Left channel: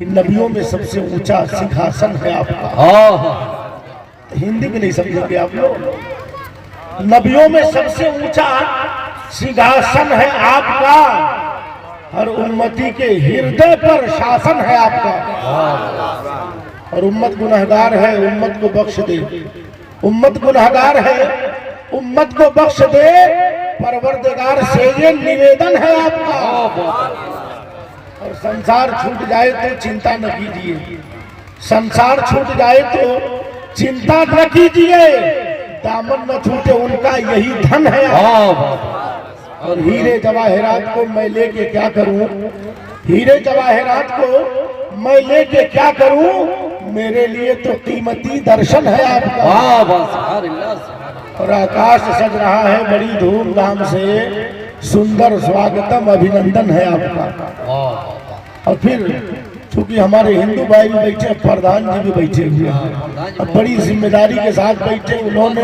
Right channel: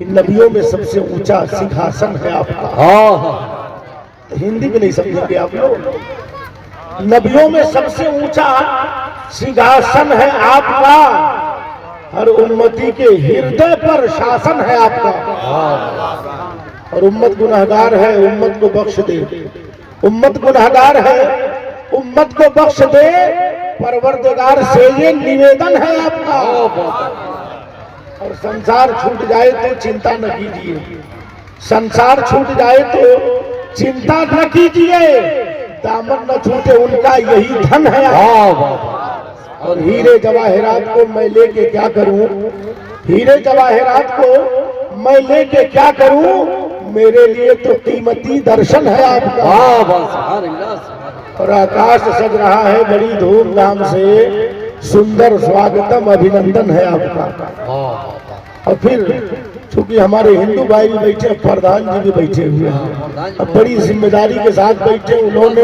कि नबियों में सबसे ऊंचा सिंहासन है आपका। हाँ हाँ तो हिंदी में नहीं समझेंगे आप लोग। नबियों में सबसे ऊंचा सिंहासन है आपका, हर उम्मती के हृदय पर शासन है आपका। और उम्मत गुनहगार है, उम्मत को बख्श दे। उम्मत गुनहगार है, उम्मत को बख्श दे। परवरदिगार से ये निवेदन है आपका। और संसार छूट जाए तो चिंता न कीजिए, संसार छूट जाए तो चिंता न कीजिए। दामन न छूटे उनका यही धन है। और हीरे जवाहरात को मैं लेके क्या करूं, हीरे जवाहरात को मैं लेके क्या करूं, मेरे लिए तो कीमती दर्शन है आपका। और आकाश सज रहा है बड़ी धूमधाम से, सुंदर स्वागतम अभिनंदन है आपका। और फिर चूंकि हमारे हिंदू भाई भी बैठे, प्रधान जी भी बैठे हुए हैं, और बड़ी जिम्मेदारी के साथ बैठे। उन्होंने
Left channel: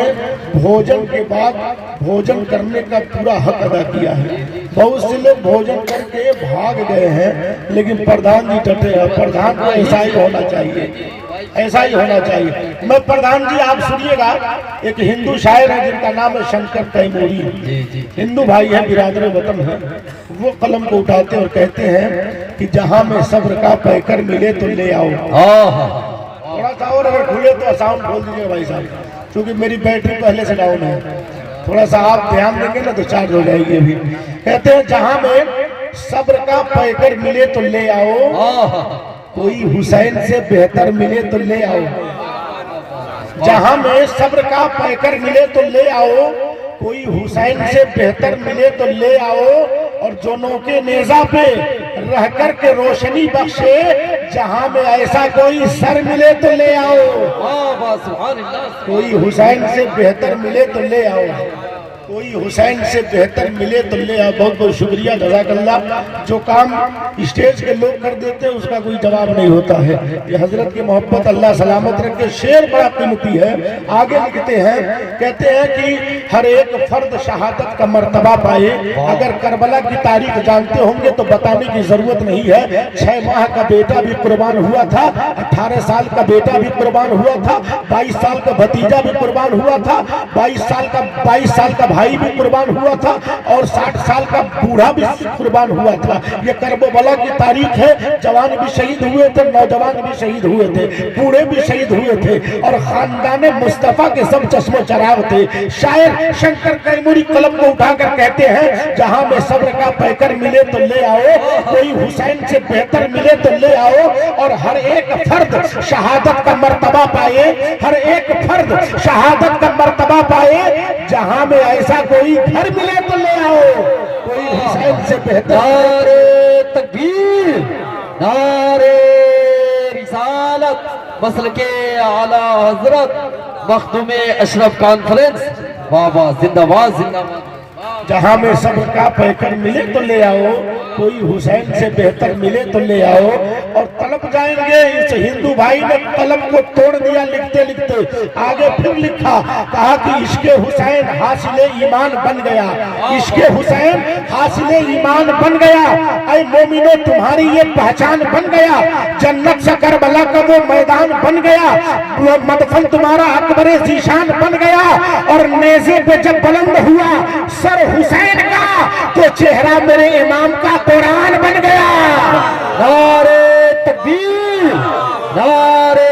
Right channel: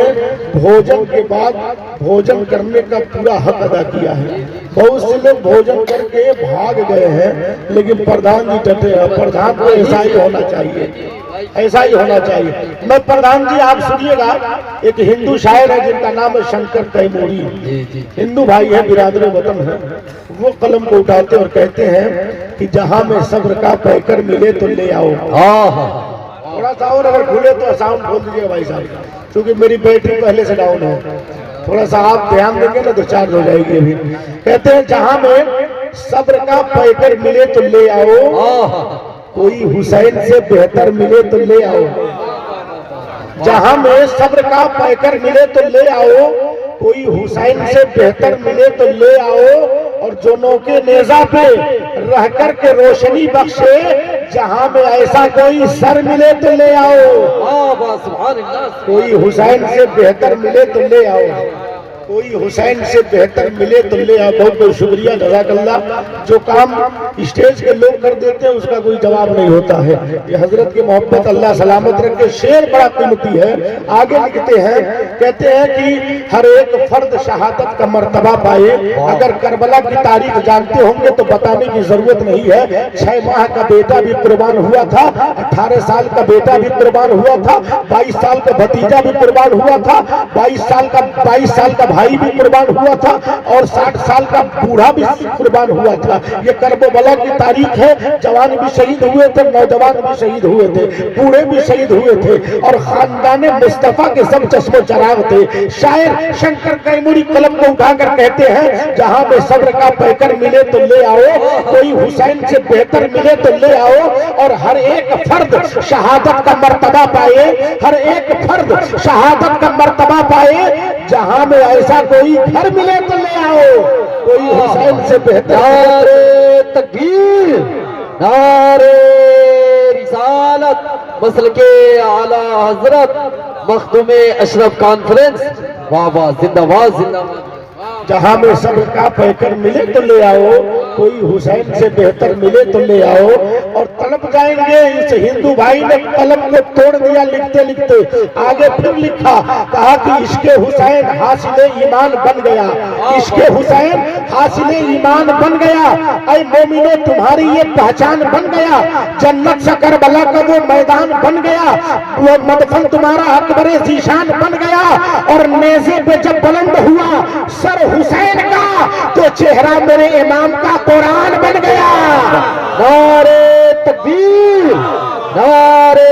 भोजन के बाद भोजन करने का पूरा हक अदा किया है। बहुत से लोग भोजन करके भाग गए हैं, लेकिन प्रधान जी डटे हैं। प्रधान को ऐसा ही होना चाहिए, ऐसा ही होना चाहिए। मैं प्रधान जी, आप सुनिएगा, एक हिंदू शायर है जिनका नाम है शंकर तैमूरी। हिंदू भाई है, बिरादर वतन है। वो कलम को उठाते और कहते हैं कि जहां में सब्र का पैकर मिले तो ले आओ। थोड़ा सा और अगर खुले तो साउंड खोल दीजिएगा भाई साहब, क्योंकि मेरी बैटरी पहले से डाउन है। थोड़ा सा आप ध्यान देंगे ना तो चार्ज हो जाएगी अभी। कहते हैं जहां में सब्र का पैकर मिले तो ले आओ, कोई हुसैन से बेहतर मिले तो ले आओ। जहां में सब्र का पैकर मिले तो ले आओ, कोई हुसैन से बेहतर मिले तो ले आओ। और जोनों के नेजा पे रह कर के रोशनी बख्शे, जहां में ऐसा कोई सर मिले तो ले आओ। कोई हुसैन से बेहतर मिले तो ले आओ, कोई हुसैन से बेहतर मिले तो ले आओ। बहुत बहुत शुक्रिया, जज़ाकल्लाह। जो काम स्टेज के लोग कर देते हैं उसका कोई जवाब नहीं होता है। ये हजरत की मोहब्बत अल्लाह सलामत रखे। शेर बड़ा कीमती है। आगे लिखते हैं, कहते हैं कि हर एक फर्द शहादत का मर्तबा पाए। अगर करबला की तारीख जानते होंगे तो बताने की जरूरत नहीं है। 6 माह का बेटा भी कुर्बान हुआ था, 18 साल का बेटा भी कुर्बान हुआ था, 22 साल का भतीजा भी कुर्बान हुआ था, 22 साल का भाई भी कुर्बान हुआ था, और 60 साल का बूढ़ा भी कुर्बान हुआ था। ये करबला की तारीख है। जवान भी शहीद हुए थे, नौजवान भी शहीद हुए थे, बूढ़े भी शहीद हुए थे, और खानदान मुस्तफा के सब चश्मे चराग थे। शायर शंकर तैमूरी कलम को उठाकर कहते हैं, जहां में सब्र का पैकर मिले तो ले आओ, कोई हुसैन से बेहतर मिले तो ले आओ। और हर एक फर्द शहादत का मर्तबा पाए, हर एक फर्द शहादत का मर्तबा पाए। जहां में ऐसा कोई घर मिले तो ले आओ, कोई हुसैन से बेहतर। नारे तकबीर, नारे रिसालत, मसल के आला हजरत मखदूमे अशरफ कॉन्फ्रेंस। वाह वाह, जिंदाबाद जिंदाबाद। जहां में सब्र का पैकर मिले तो ले आओ, कोई हुसैन से बेहतर मिले तो ले आओ। और तड़प जाएंगे। इस हिंदू भाई ने कलम को तोड़ दिया लिखते लिखते। आगे फिर लिखा, कहा कि इश्के हुसैन हासिले ईमान बन गया, इश्के हुसैन हासिले ईमान बन गया। ऐ मोमिनो तुम्हारी ये पहचान बन गया, जन्नत से करबला का वो मैदान बन गया, वो मदफन तुम्हारा अकबरे ज़ीशान बन गया। और नेज़े पे जब बुलंद हुआ सर हुसैन का, तो चेहरा मेरे इमाम का कुरान बन गया। नारे तकबीर, नारे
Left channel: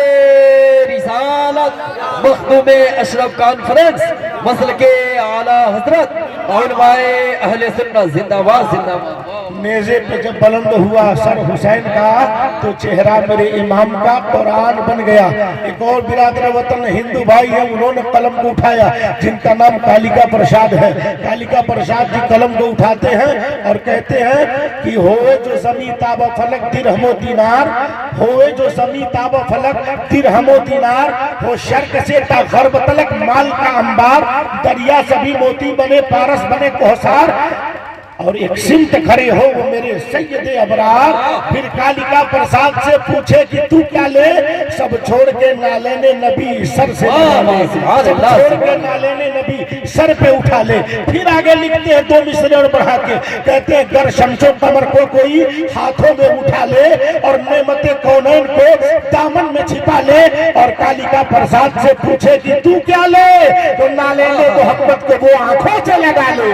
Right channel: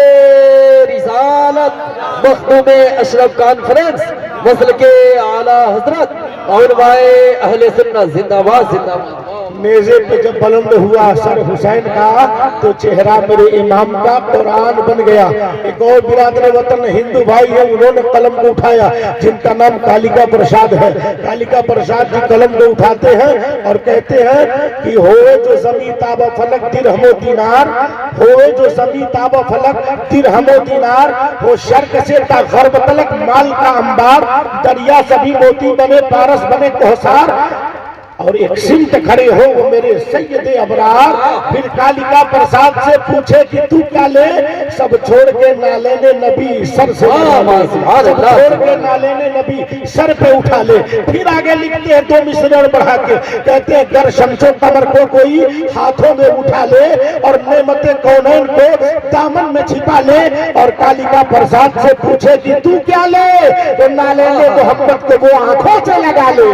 रिसालत, मखदूमे अशरफ कॉन्फ्रेंस, मसल के आला हजरत उलमाए अहले सुन्नत। जिंदाबाद जिंदाबाद। नेज़े पे जब बुलंद हुआ सर हुसैन का, तो चेहरा मेरे इमाम का कुरान बन गया। एक और बिरादर वतन हिंदू भाई है, उन्होंने कलम को उठाया, जिनका नाम कालिका प्रसाद है। कालिका प्रसाद जी कलम को उठाते हैं और कहते हैं कि होए जो ज़मी ताब फलक दिरहमो दीनार, होए जो ज़मी ताब फलक दिरहमो दीनार, हो शर्क से ता गर्ब तलक माल का अंबार, दरिया सभी मोती बने पारस बने कोहसार। और एक सिमत खड़े हो वो मेरे सैयद अबरार। फिर कालिका प्रसाद से पूछे कि तू क्या ले, सब छोड़ के नाले ने नबी सर से, सब छोड़ के नाले ने नबी सर पे उठा ले। फिर आगे लिखते हैं दो मिसरण बढ़ा के, कहते हैं गर शमशो कमर को कोई हाथों में उठा ले और नेमते कौनैन को दामन में छिपा ले। और कालिका प्रसाद से पूछे कि तू क्या ले, तो नाले ने मोहब्बत को वो आंखों से लगा ले।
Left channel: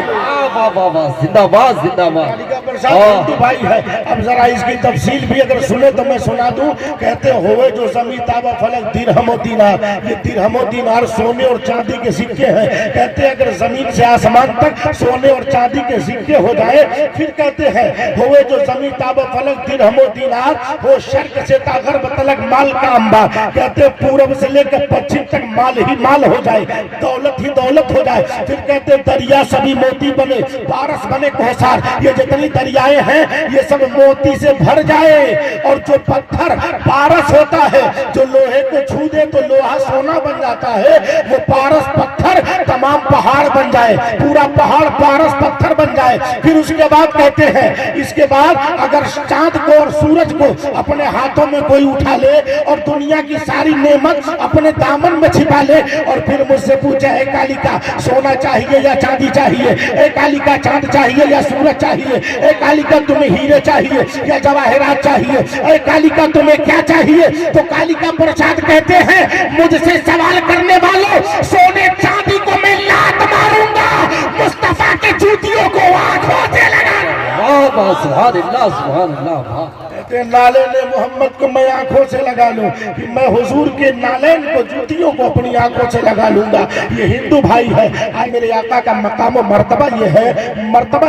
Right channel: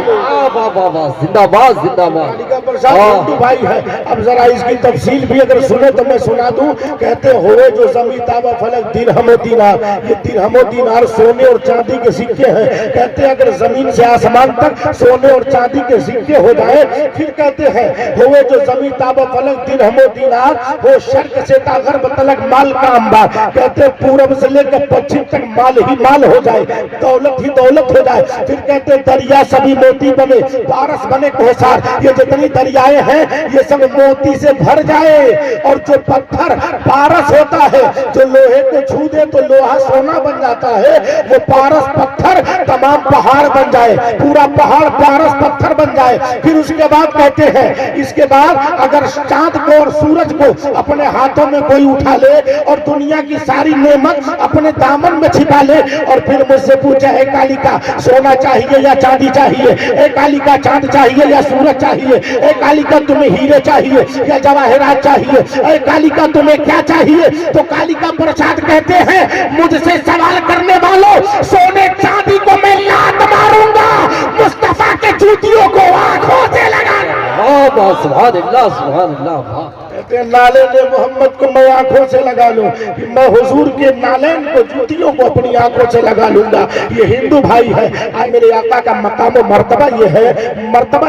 जिंदाबाद जिंदाबाद। कालिका प्रसाद हिंदू भाई है। अब जरा इसकी तफसील भी अगर सुने तो मैं सुना दूं। कहते हो जो जमीन ताबा फलक दिरहम दीनार, ये दिरहम दीनार सोने और चांदी के सिक्के हैं। कहते हैं अगर जमीन से आसमान तक सोने और चांदी के सिक्के हो जाए। फिर कहते हैं हुए जो जमीन ताबा फलक दिरहम दीनार, वो शर्क से तागर्ब तलक माल का अंबार। कहते हैं पूरब से लेकर पश्चिम तक माल ही माल हो जाए, दौलत ही दौलत हो जाए। फिर कहते हैं दरिया सभी मोती बने, पारस बने कोसार। ये जितनी दरियाएं हैं ये सब मोती से भर जाए। और जो पत्थर पारस होता है, जो लोहे को छू दे तो लोहा सोना बन जाता है, वो पारस पत्थर तमाम पहाड़ बन जाए, पूरा पहाड़ पारस पत्थर बन जाए। फिर उसके बाद कहते हैं इसके बाद अगर चांद को और सूरज को अपने हाथों में कोई उठा ले और दुनिया की सारी नेमत अपने दामन में छिपा ले। और फिर मुझसे पूछे है कालिका सोना चाहिए या चांदी चाहिए, ए कालिका चांद चाहिए या सूरज चाहिए, ए कालिका तुम्हें हीरे चाहिए या जवाहरात चाहिए, ए कालिका तुम्हें क्या चाहिए। तो कालिका प्रसाद कहते हैं मुझसे सवाल करने वालों, सोने चांदी को मैं लात मारूंगा, मुस्तफा के जूतियों को आंखों से लगाऊंगा। सुभान अल्लाह सुभान अल्लाह। नाले ने मोहम्मद को मैं आंखों से लगा लूं, कि मैं हुजूर के नालेन को जूतियों को अपनी आंखों से लगा लूंगा। ये हिंदू भाई है। आज मेरे आका का मकाम मर्तबा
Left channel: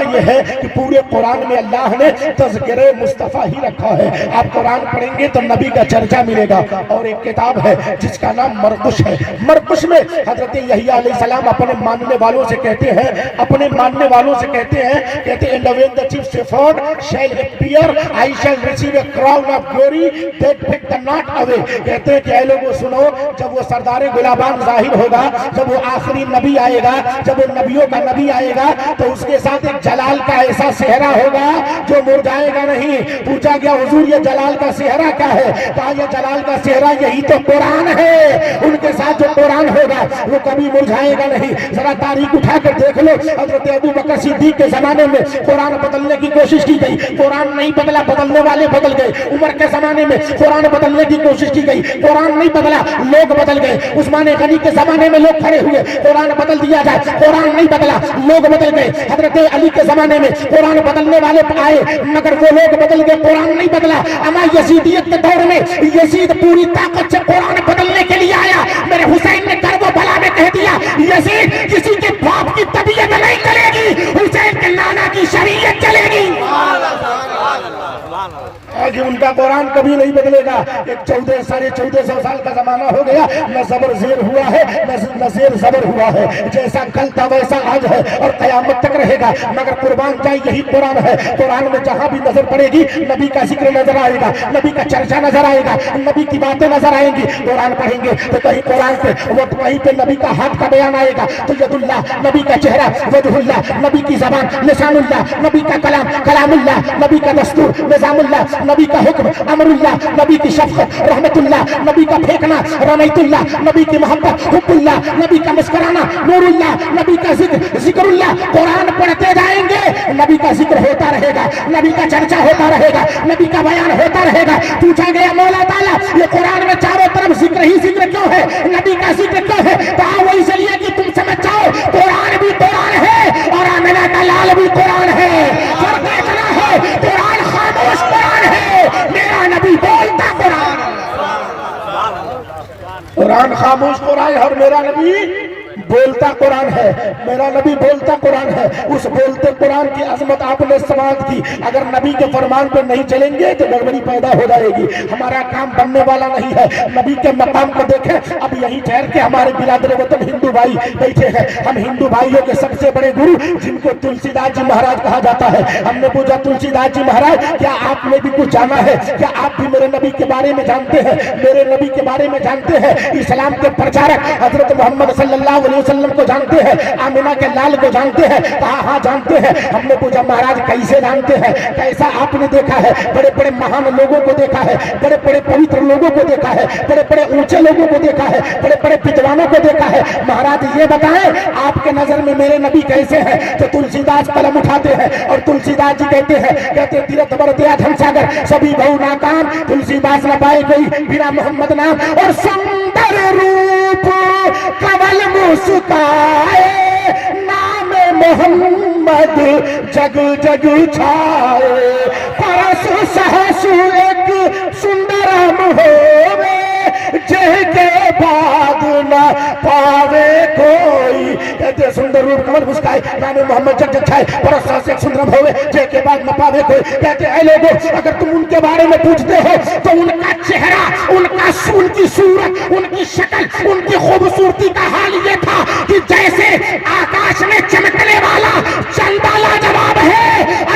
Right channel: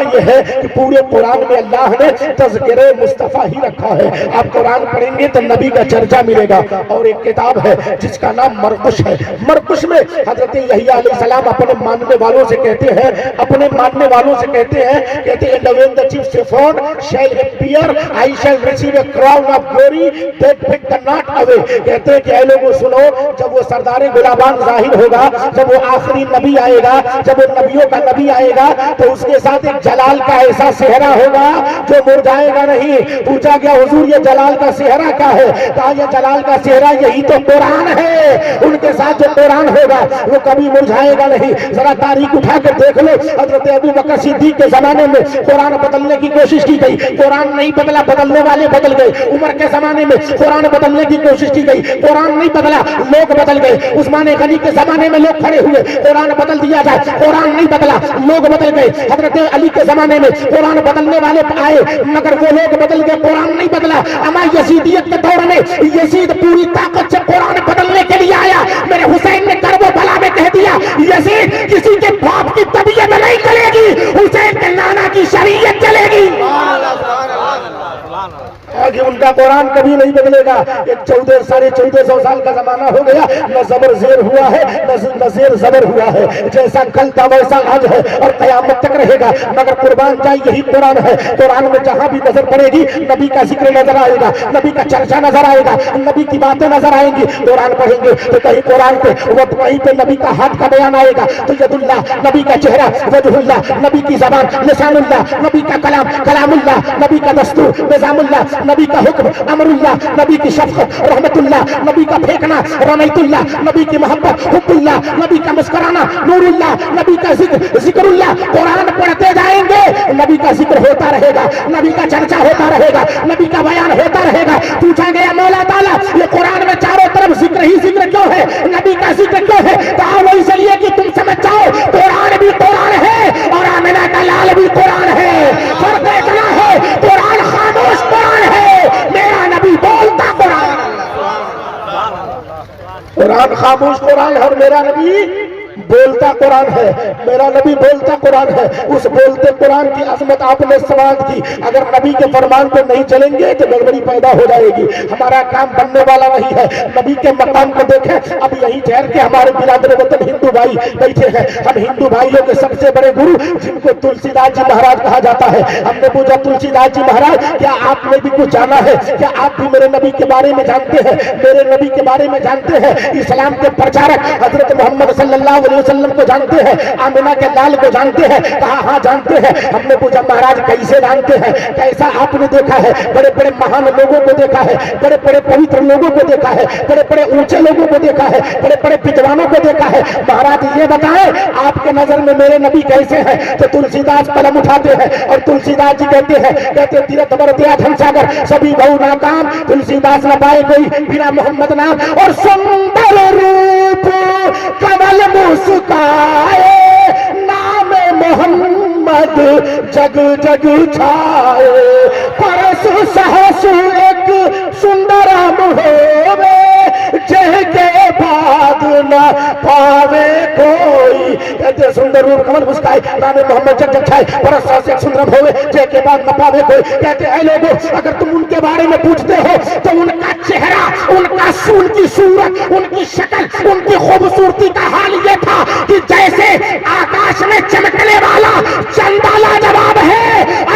ये है कि पूरे कुरान में अल्लाह ने तज़किरे मुस्तफ़ा ही रखा है। आप कुरान पढ़ेंगे तो नबी का चर्चा मिलेगा। और एक किताब है जिसका नाम मरकुश है। मरकुश में हजरत यहया अलैहिस्सलाम अपने मानने वालों से कहते हैं, कहते हैं when the chief shepherd shall appear, I shall receive a crown of glory that pick the not away। कहते हैं कि ऐ लोगों सुनो, जब वो सरदार गुलाबान जाहिर होगा, जब वो आखिरी नबी आएगा, जब वो नबियों का नबी आएगा, तो उसके साथ एक जलाल का ऐसा सेहरा होगा जो मुरझाएगा नहीं। पूछा गया हुजूर ये जलाल का सेहरा क्या है? कहा ये जलाल का सेहरा यही तो कुरान है। उनके साथ जो कुरान होगा वो कभी मुरझाएगा नहीं। जरा तारीख उठा कर देख लो, हजरत अबू बकर सिद्दीक के जमाने में कुरान बदलने की कोशिश की गई, कुरान नहीं बदला, बदलने वाले बदल गए। उमर के जमाने में कुरान बदलने की कोशिश की गई, कुरान नहीं बदला, लोग बदल गए। उस्मान गनी के जमाने में लोग खड़े हुए, कुरान बदल दिया जाए, कुरान नहीं बदला, लोग बदल गए। हजरत अली के जमाने में कुरान बदलने वाले आए, मगर वो लोग बदल गए, कुरान नहीं बदला। अमा यजीदियत के दौर में यजीद पूरी ताकत से कुरान बदलने के लिए आया। मेरे हुसैन ने करबो बला में कह दिया यजीद किसी के बाप की तबीयत नहीं चलेगी, हुसैन के नाना की शरीयत चलेगी। आज उनका कुरान कभी नहीं बदलेगा। एक 1400 साल का जमाना हो गया, न जबर जेर हुआ है न जेर जबर हुआ है। जैसा कल था वैसा आज है और कयामत तक रहेगा। मगर कुर्बान जाए यही कुरान है। कुरान में जहां भी नजर पड़ेगी नबी का जिक्र नजर आएगा, नबी का चर्चा नजर आएगा, नबी की बातें नजर आएंगी। कुरान पढ़ेंगे तो कहीं कुरान पे वहीं पे नबी का हाथ का बयान आएगा, तो यदुल्लाह नबी का चेहरा, वजहुल्लाह नबी की जबान, लिसानुल्लाह नबी का कलाम, कलामुल्लाह नबी का दस्तूर, निजामुल्लाह नबी का हुक्म, अमरुल्लाह नबी की शफ़क़त, रहमतुल्लाह नबी का फेंकना, रनैतुल्लाह नबी की मोहब्बत, हुब्बुल्लाह नबी का मुस्कुराना, नूरुल्लाह नबी का जिक्र, जिक्रुल्लाह। कुरान पढ़ते जाएंगे नबी का जिक्र होता रहेगा, नबी का चर्चा होता रहेगा, नबी का बयान होता रहेगा। पूछा गया मौला ताला ये कुरान में चारों तरफ जिक्र ही जिक्र क्यों है, नबी का जिक्र क्यों है? कहा वो इसलिए कि तुम समझ जाओ कुरान भी कुरान है और आमिना का लाल भी कुरान है। और देखना है कुरान खामोश कुरान है, मेरा नबी बोलता कुरान, कुरान खामोश कुरान है और मेरा नबी बोलता कुरान है। मेरा नबी बोलता कुरान है। उस बोलते कुरान की अजमत आपने समाप्त की। अगर नबी के फरमान पर नहीं चलेंगे तो गड़बड़ी पैदा हो जाएगी, हमारा काम बनने वाला नहीं है। नबी के मकाम को देखें, अब यही ठहर के हमारे बिरादर वतन हिंदू भाई बैठे हैं। हम हिंदू भाइयों के सबसे बड़े गुरु जिनको तुलसीदास जी महाराज कहा जाता है, हमने पूछा तुलसीदास जी महाराज क्या आपने भी कुछ जाना है? क्या आप भी मेरे नबी के बारे में जानते हैं? मेरे नबी के बारे में जानते हैं? इस्लाम के प्रचारक हजरत मोहम्मद सल्लल्लाहु अलैहि वसल्लम को जानते हैं, आमिना के लाल को जानते हैं? कहा हाँ जानते हैं। हमने पूछा महाराज कैसे जानते हैं, कैसा आपने देखा है? बड़े बड़े महान लोगों को देखा है, बड़े बड़े पवित्र लोगों को देखा है, बड़े बड़े ऊंचे लोगों को देखा है, बड़े बड़े विद्वानों को देखा है। महाराज ये बताएं आपके नजर में मेरे नबी कैसे हैं? तो तुलसीदास कलम उठाते हैं और तुलसीदास जी कहते हैं, कहते तीरथ बर दिया धनसागर सभी बहु नाकाम, तुलसीदास न पाए कोई बिना मोहम्मद नाम। और सुंदर रूप कमल मुस्काए, नाम मोहम्मद जग जग छाए। परसु सहसु एक सुंदरम होवे, जह के बाद न पावे कोई। कहते सुंदर रूप कमल मुस्काए, नाम मोहम्मद जग जग छाए। परसु सहसु एक सुंदरम होवे, जह के बाद न पावे कोई। कहते ऐ लोगों, अगर तुम उनके बारे में पूछते हो तो उनका चेहरा, उनकी सूरत, उनकी शक्ल, उनकी खूबसूरती का हाल ये था कि जैसे आकाश में चमकने वाला चंदा लाजवाब है,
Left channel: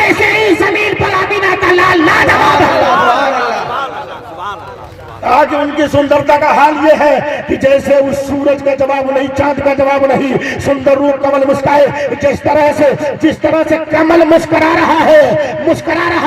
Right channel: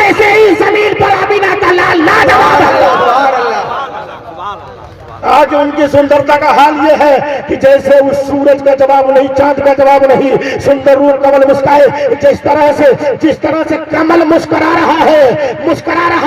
ऐसे ही जमीन पर आमिना का लाल लाजवाब है। आज उनकी सुंदरता का हाल ये है कि जैसे उस सूरज का जवाब नहीं, चांद का जवाब नहीं। सुंदर रूप कमल मुस्काए, जिस तरह से कमल मुस्कुरा रहा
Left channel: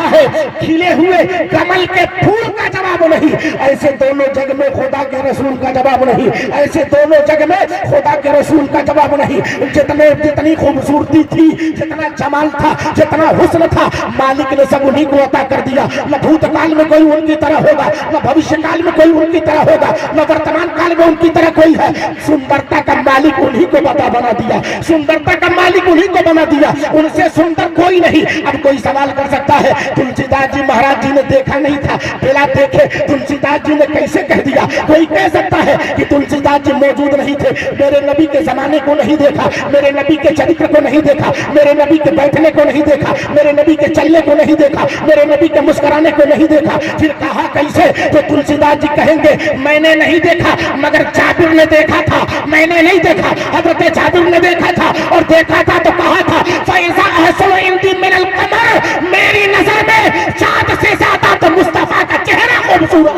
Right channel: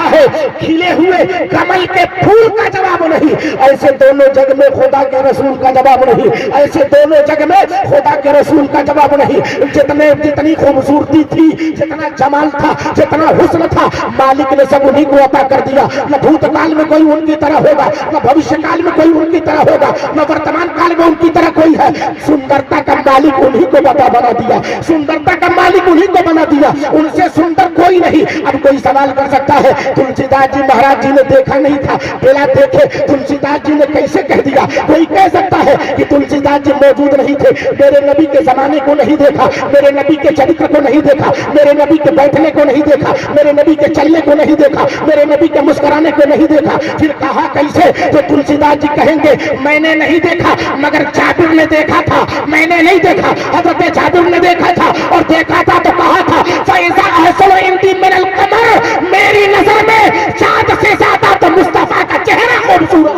है, खिले हुए कमल के फूल का जवाब नहीं, ऐसे दोनों जग में खुदा के रसूल का जवाब नहीं, ऐसे दोनों जग में खुदा के रसूल का जवाब नहीं। जितनी खूबसूरती थी, जितना जमाल था, जितना हुस्न था, मालिक ने सब उन्हीं को अता कर दिया। न भूतकाल में कोई उनकी तरह होगा, न भविष्य काल में कोई उनकी तरह होगा, न वर्तमान काल में उनकी तरह कोई है। सुंदरता का मालिक उन्हीं को बना दिया, सुंदरता का मालिक उन्हीं को बना दिया, उनसे सुंदर कोई नहीं। अब कोई सवाल कर सकता है तुलसीदास जी महाराज जी ने देखा नहीं था, बिना देखे तुलसीदास जी ने कैसे कह दिया? कोई कह सकता है कि तुलसीदास जी मौजूद नहीं थे, मेरे नबी के जमाने को नहीं देखा, मेरे नबी के चरित्र को नहीं देखा, मेरे नबी के बैठने को नहीं देखा, मेरे नबी के चलने को नहीं देखा, मेरे नबी के मुस्कुराने को नहीं देखा। फिर कहा कैसे जो तुलसीदास जी कहेंगे मैंने नहीं देखा मगर जाबिर ने देखा था, मैंने नहीं देखा, हजरत जाबिर ने देखा था, और देखा था तो कहा था फैज़ा अहसन इंदी मिनल कमर, मेरी नजर में चांद से ज्यादा तो मुस्तफा का चेहरा खूबसूरत,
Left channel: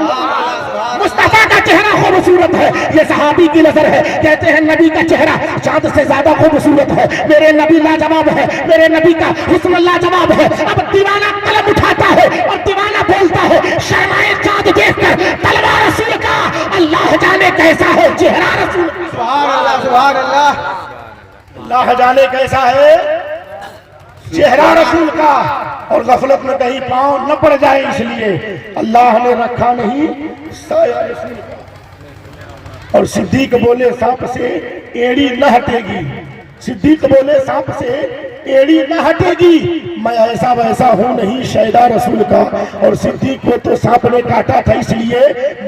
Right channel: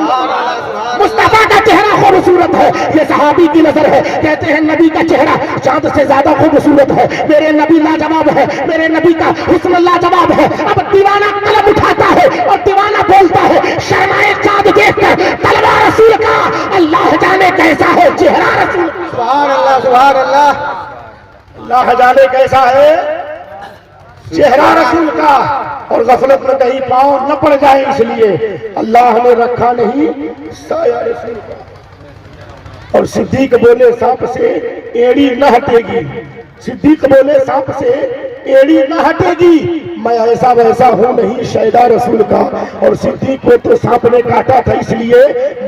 मुस्तफा का चेहरा खूबसूरत है। ये सहाबी की नजर है, कहते हैं नबी का चेहरा चांद से ज्यादा खूबसूरत है, मेरे नबी लाजवाब है, मेरे नबी का हुस्न लाजवाब है। अब दीवाना कलम उठाता है और दीवाना बोलता है शर्माए चांद देखकर तलवा रसूल का, अल्लाह जाने कैसा है चेहरा रसूल का। सुभान अल्लाह, अल्लाह जाने कैसा है चेहरा रसूल का। और गफलत में कहीं पांव न पड़ जाए इसलिए अल्लाह ने रखा नहीं साया रसूल का। और सिद्दीक बोले सांप से एड़ी न हटेगी, सिद्दीक बोले सांप से एड़ी न हटेगी, मैं ऐसा वैसा हूं नहीं शैदा रसूल का। और सिद्दीक को तो सांप ने काटा था, इसलिए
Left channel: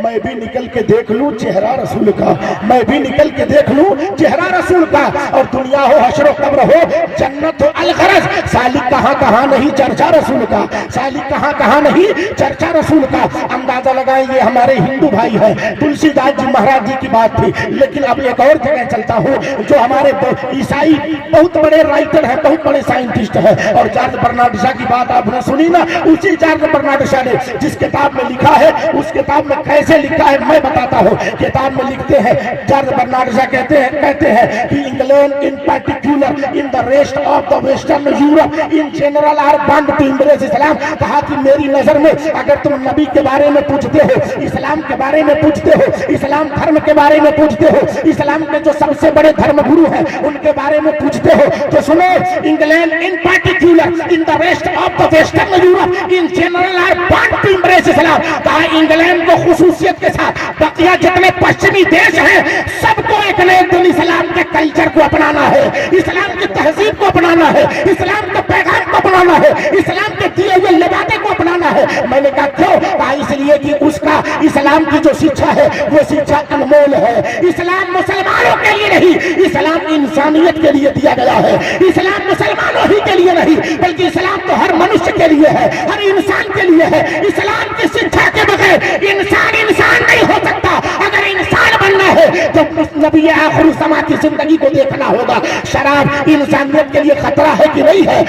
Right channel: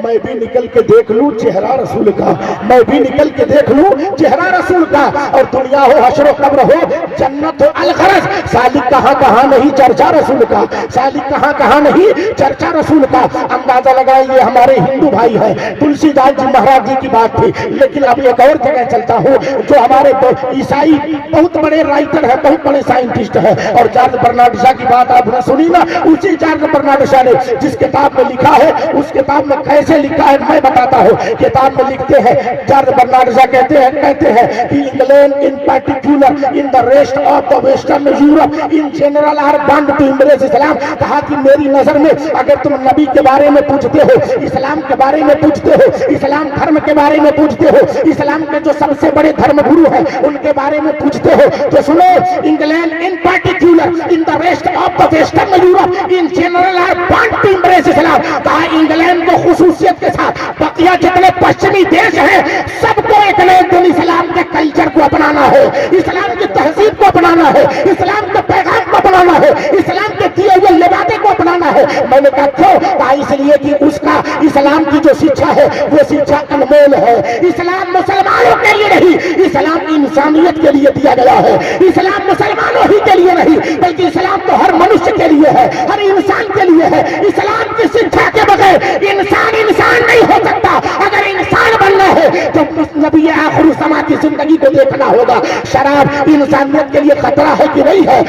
मैं भी निकल के देख लूं चेहरा रसूल का, मैं भी निकल के देख लूं चेहरा रसूल का। और दुनिया हो हश्र कब्र हो जन्नत हो अलखरज, सालिक कहां कहां नहीं चर्चा रसूल का, सालिक कहां कहां नहीं चर्चा रसूल का। अंदाजा लगाइए हमारे हिंदू भाई है, तुलसीदास जी महाराज जी की बात थी, लेकिन अब एक और जगह चलता हूं जो हमारे ईसाई बहुत बड़े राइटर है, बहुत बड़े साइंटिस्ट है। और जॉर्ज बर्नार्ड शॉ की बात आपने सुनी ना, उसी जॉर्ज बर्नार्ड शॉ ने जिस किताब में लिखा है, उस किताब में कैसे लिखा है मैं बताता हूँ। किताब में लिखते हैं जॉर्ज बर्नार्ड शॉ कहते हैं कि England in particular in the rest of the western Europe in general are bound to embrace Islam. कहा कि मेरी नजर में अगर तुम नबी के बारे में पूछते हो, इस्लाम के बारे में पूछते हो, इस्लाम धर्म के बारे में पूछते हो, इस्लाम के जो सबसे बड़े धर्म गुरु हैं उनके बारे में पूछते हो, तो सुनो England in particular in the rest of the western Europe in general are bound to embrace Islam. कहा इंग्लैंड को खुसूसियत के साथ बकिया जितने पश्चिमी देश हैं सबको एक न एक दिन इस्लाम के कल्चर को अपनाना है, इस्लाम की तहजीब को अपनाना है, इस्लाम के पैगाम को अपनाना है, इस्लाम के दिए हुए लिबादे को अपनाना है। मैंने कहा क्यों? कहा इसलिए कि उसका इस्लाम की जो शिक्षा है वो शिक्षा अनमोल है। इस्लाम मुसलमानों के लिए नहीं, इस्लाम इंसानियत के लिए दिया गया है। इस्लाम मुसलमानों ही के लिए नहीं बल्कि इस्लाम तो हर मनुष्य के लिए है, हर इंसान के लिए है। इस्लाम की शिक्षा के बगैर इंसान नहीं हो सकता। अगर इंसान बनना है तो नबी आखिर समा की जिंदगी को देखना होगा। शराब इंसानियत के लिए खतरा है कि नहीं है?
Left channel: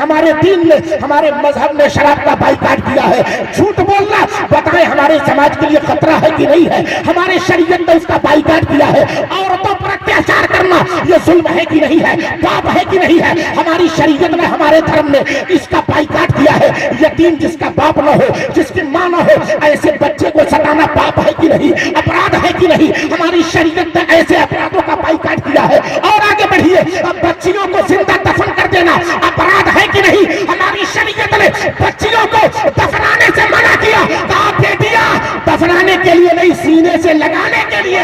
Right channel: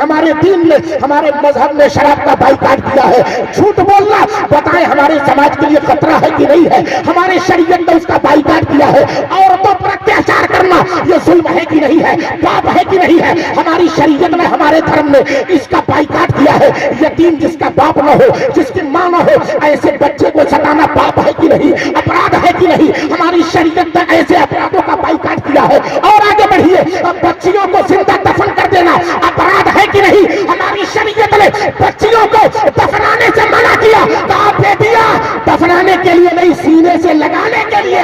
हमारे दीन ने, हमारे मजहब ने शराब का बाइकाट किया है। झूठ बोलना बताएं हमारे समाज के लिए खतरा है कि नहीं है? हमारे शरीयत ने उसका बाइकाट किया है। औरतों पर अत्याचार करना ये जुल्म है कि नहीं है? पाप है कि नहीं है? हमारी शरीयत ने, हमारे धर्म ने इसका बाइकाट किया है। यतीम जिसका बाप न हो, जिसकी मां न हो, ऐसे बच्चे को सताना पाप है कि नहीं? अपराध है कि नहीं? हमारी शरीयत ने ऐसे अपराधों का बाइकाट किया है। और आगे बढ़िए, बच्चियों को जिंदा दफन कर देना अपराध है कि नहीं? हमारी शरीयत ने बच्चियों को दफनाने से मना किया। कहा बेटियां दफनाने के लिए नहीं, सीने से लगाने के लिए।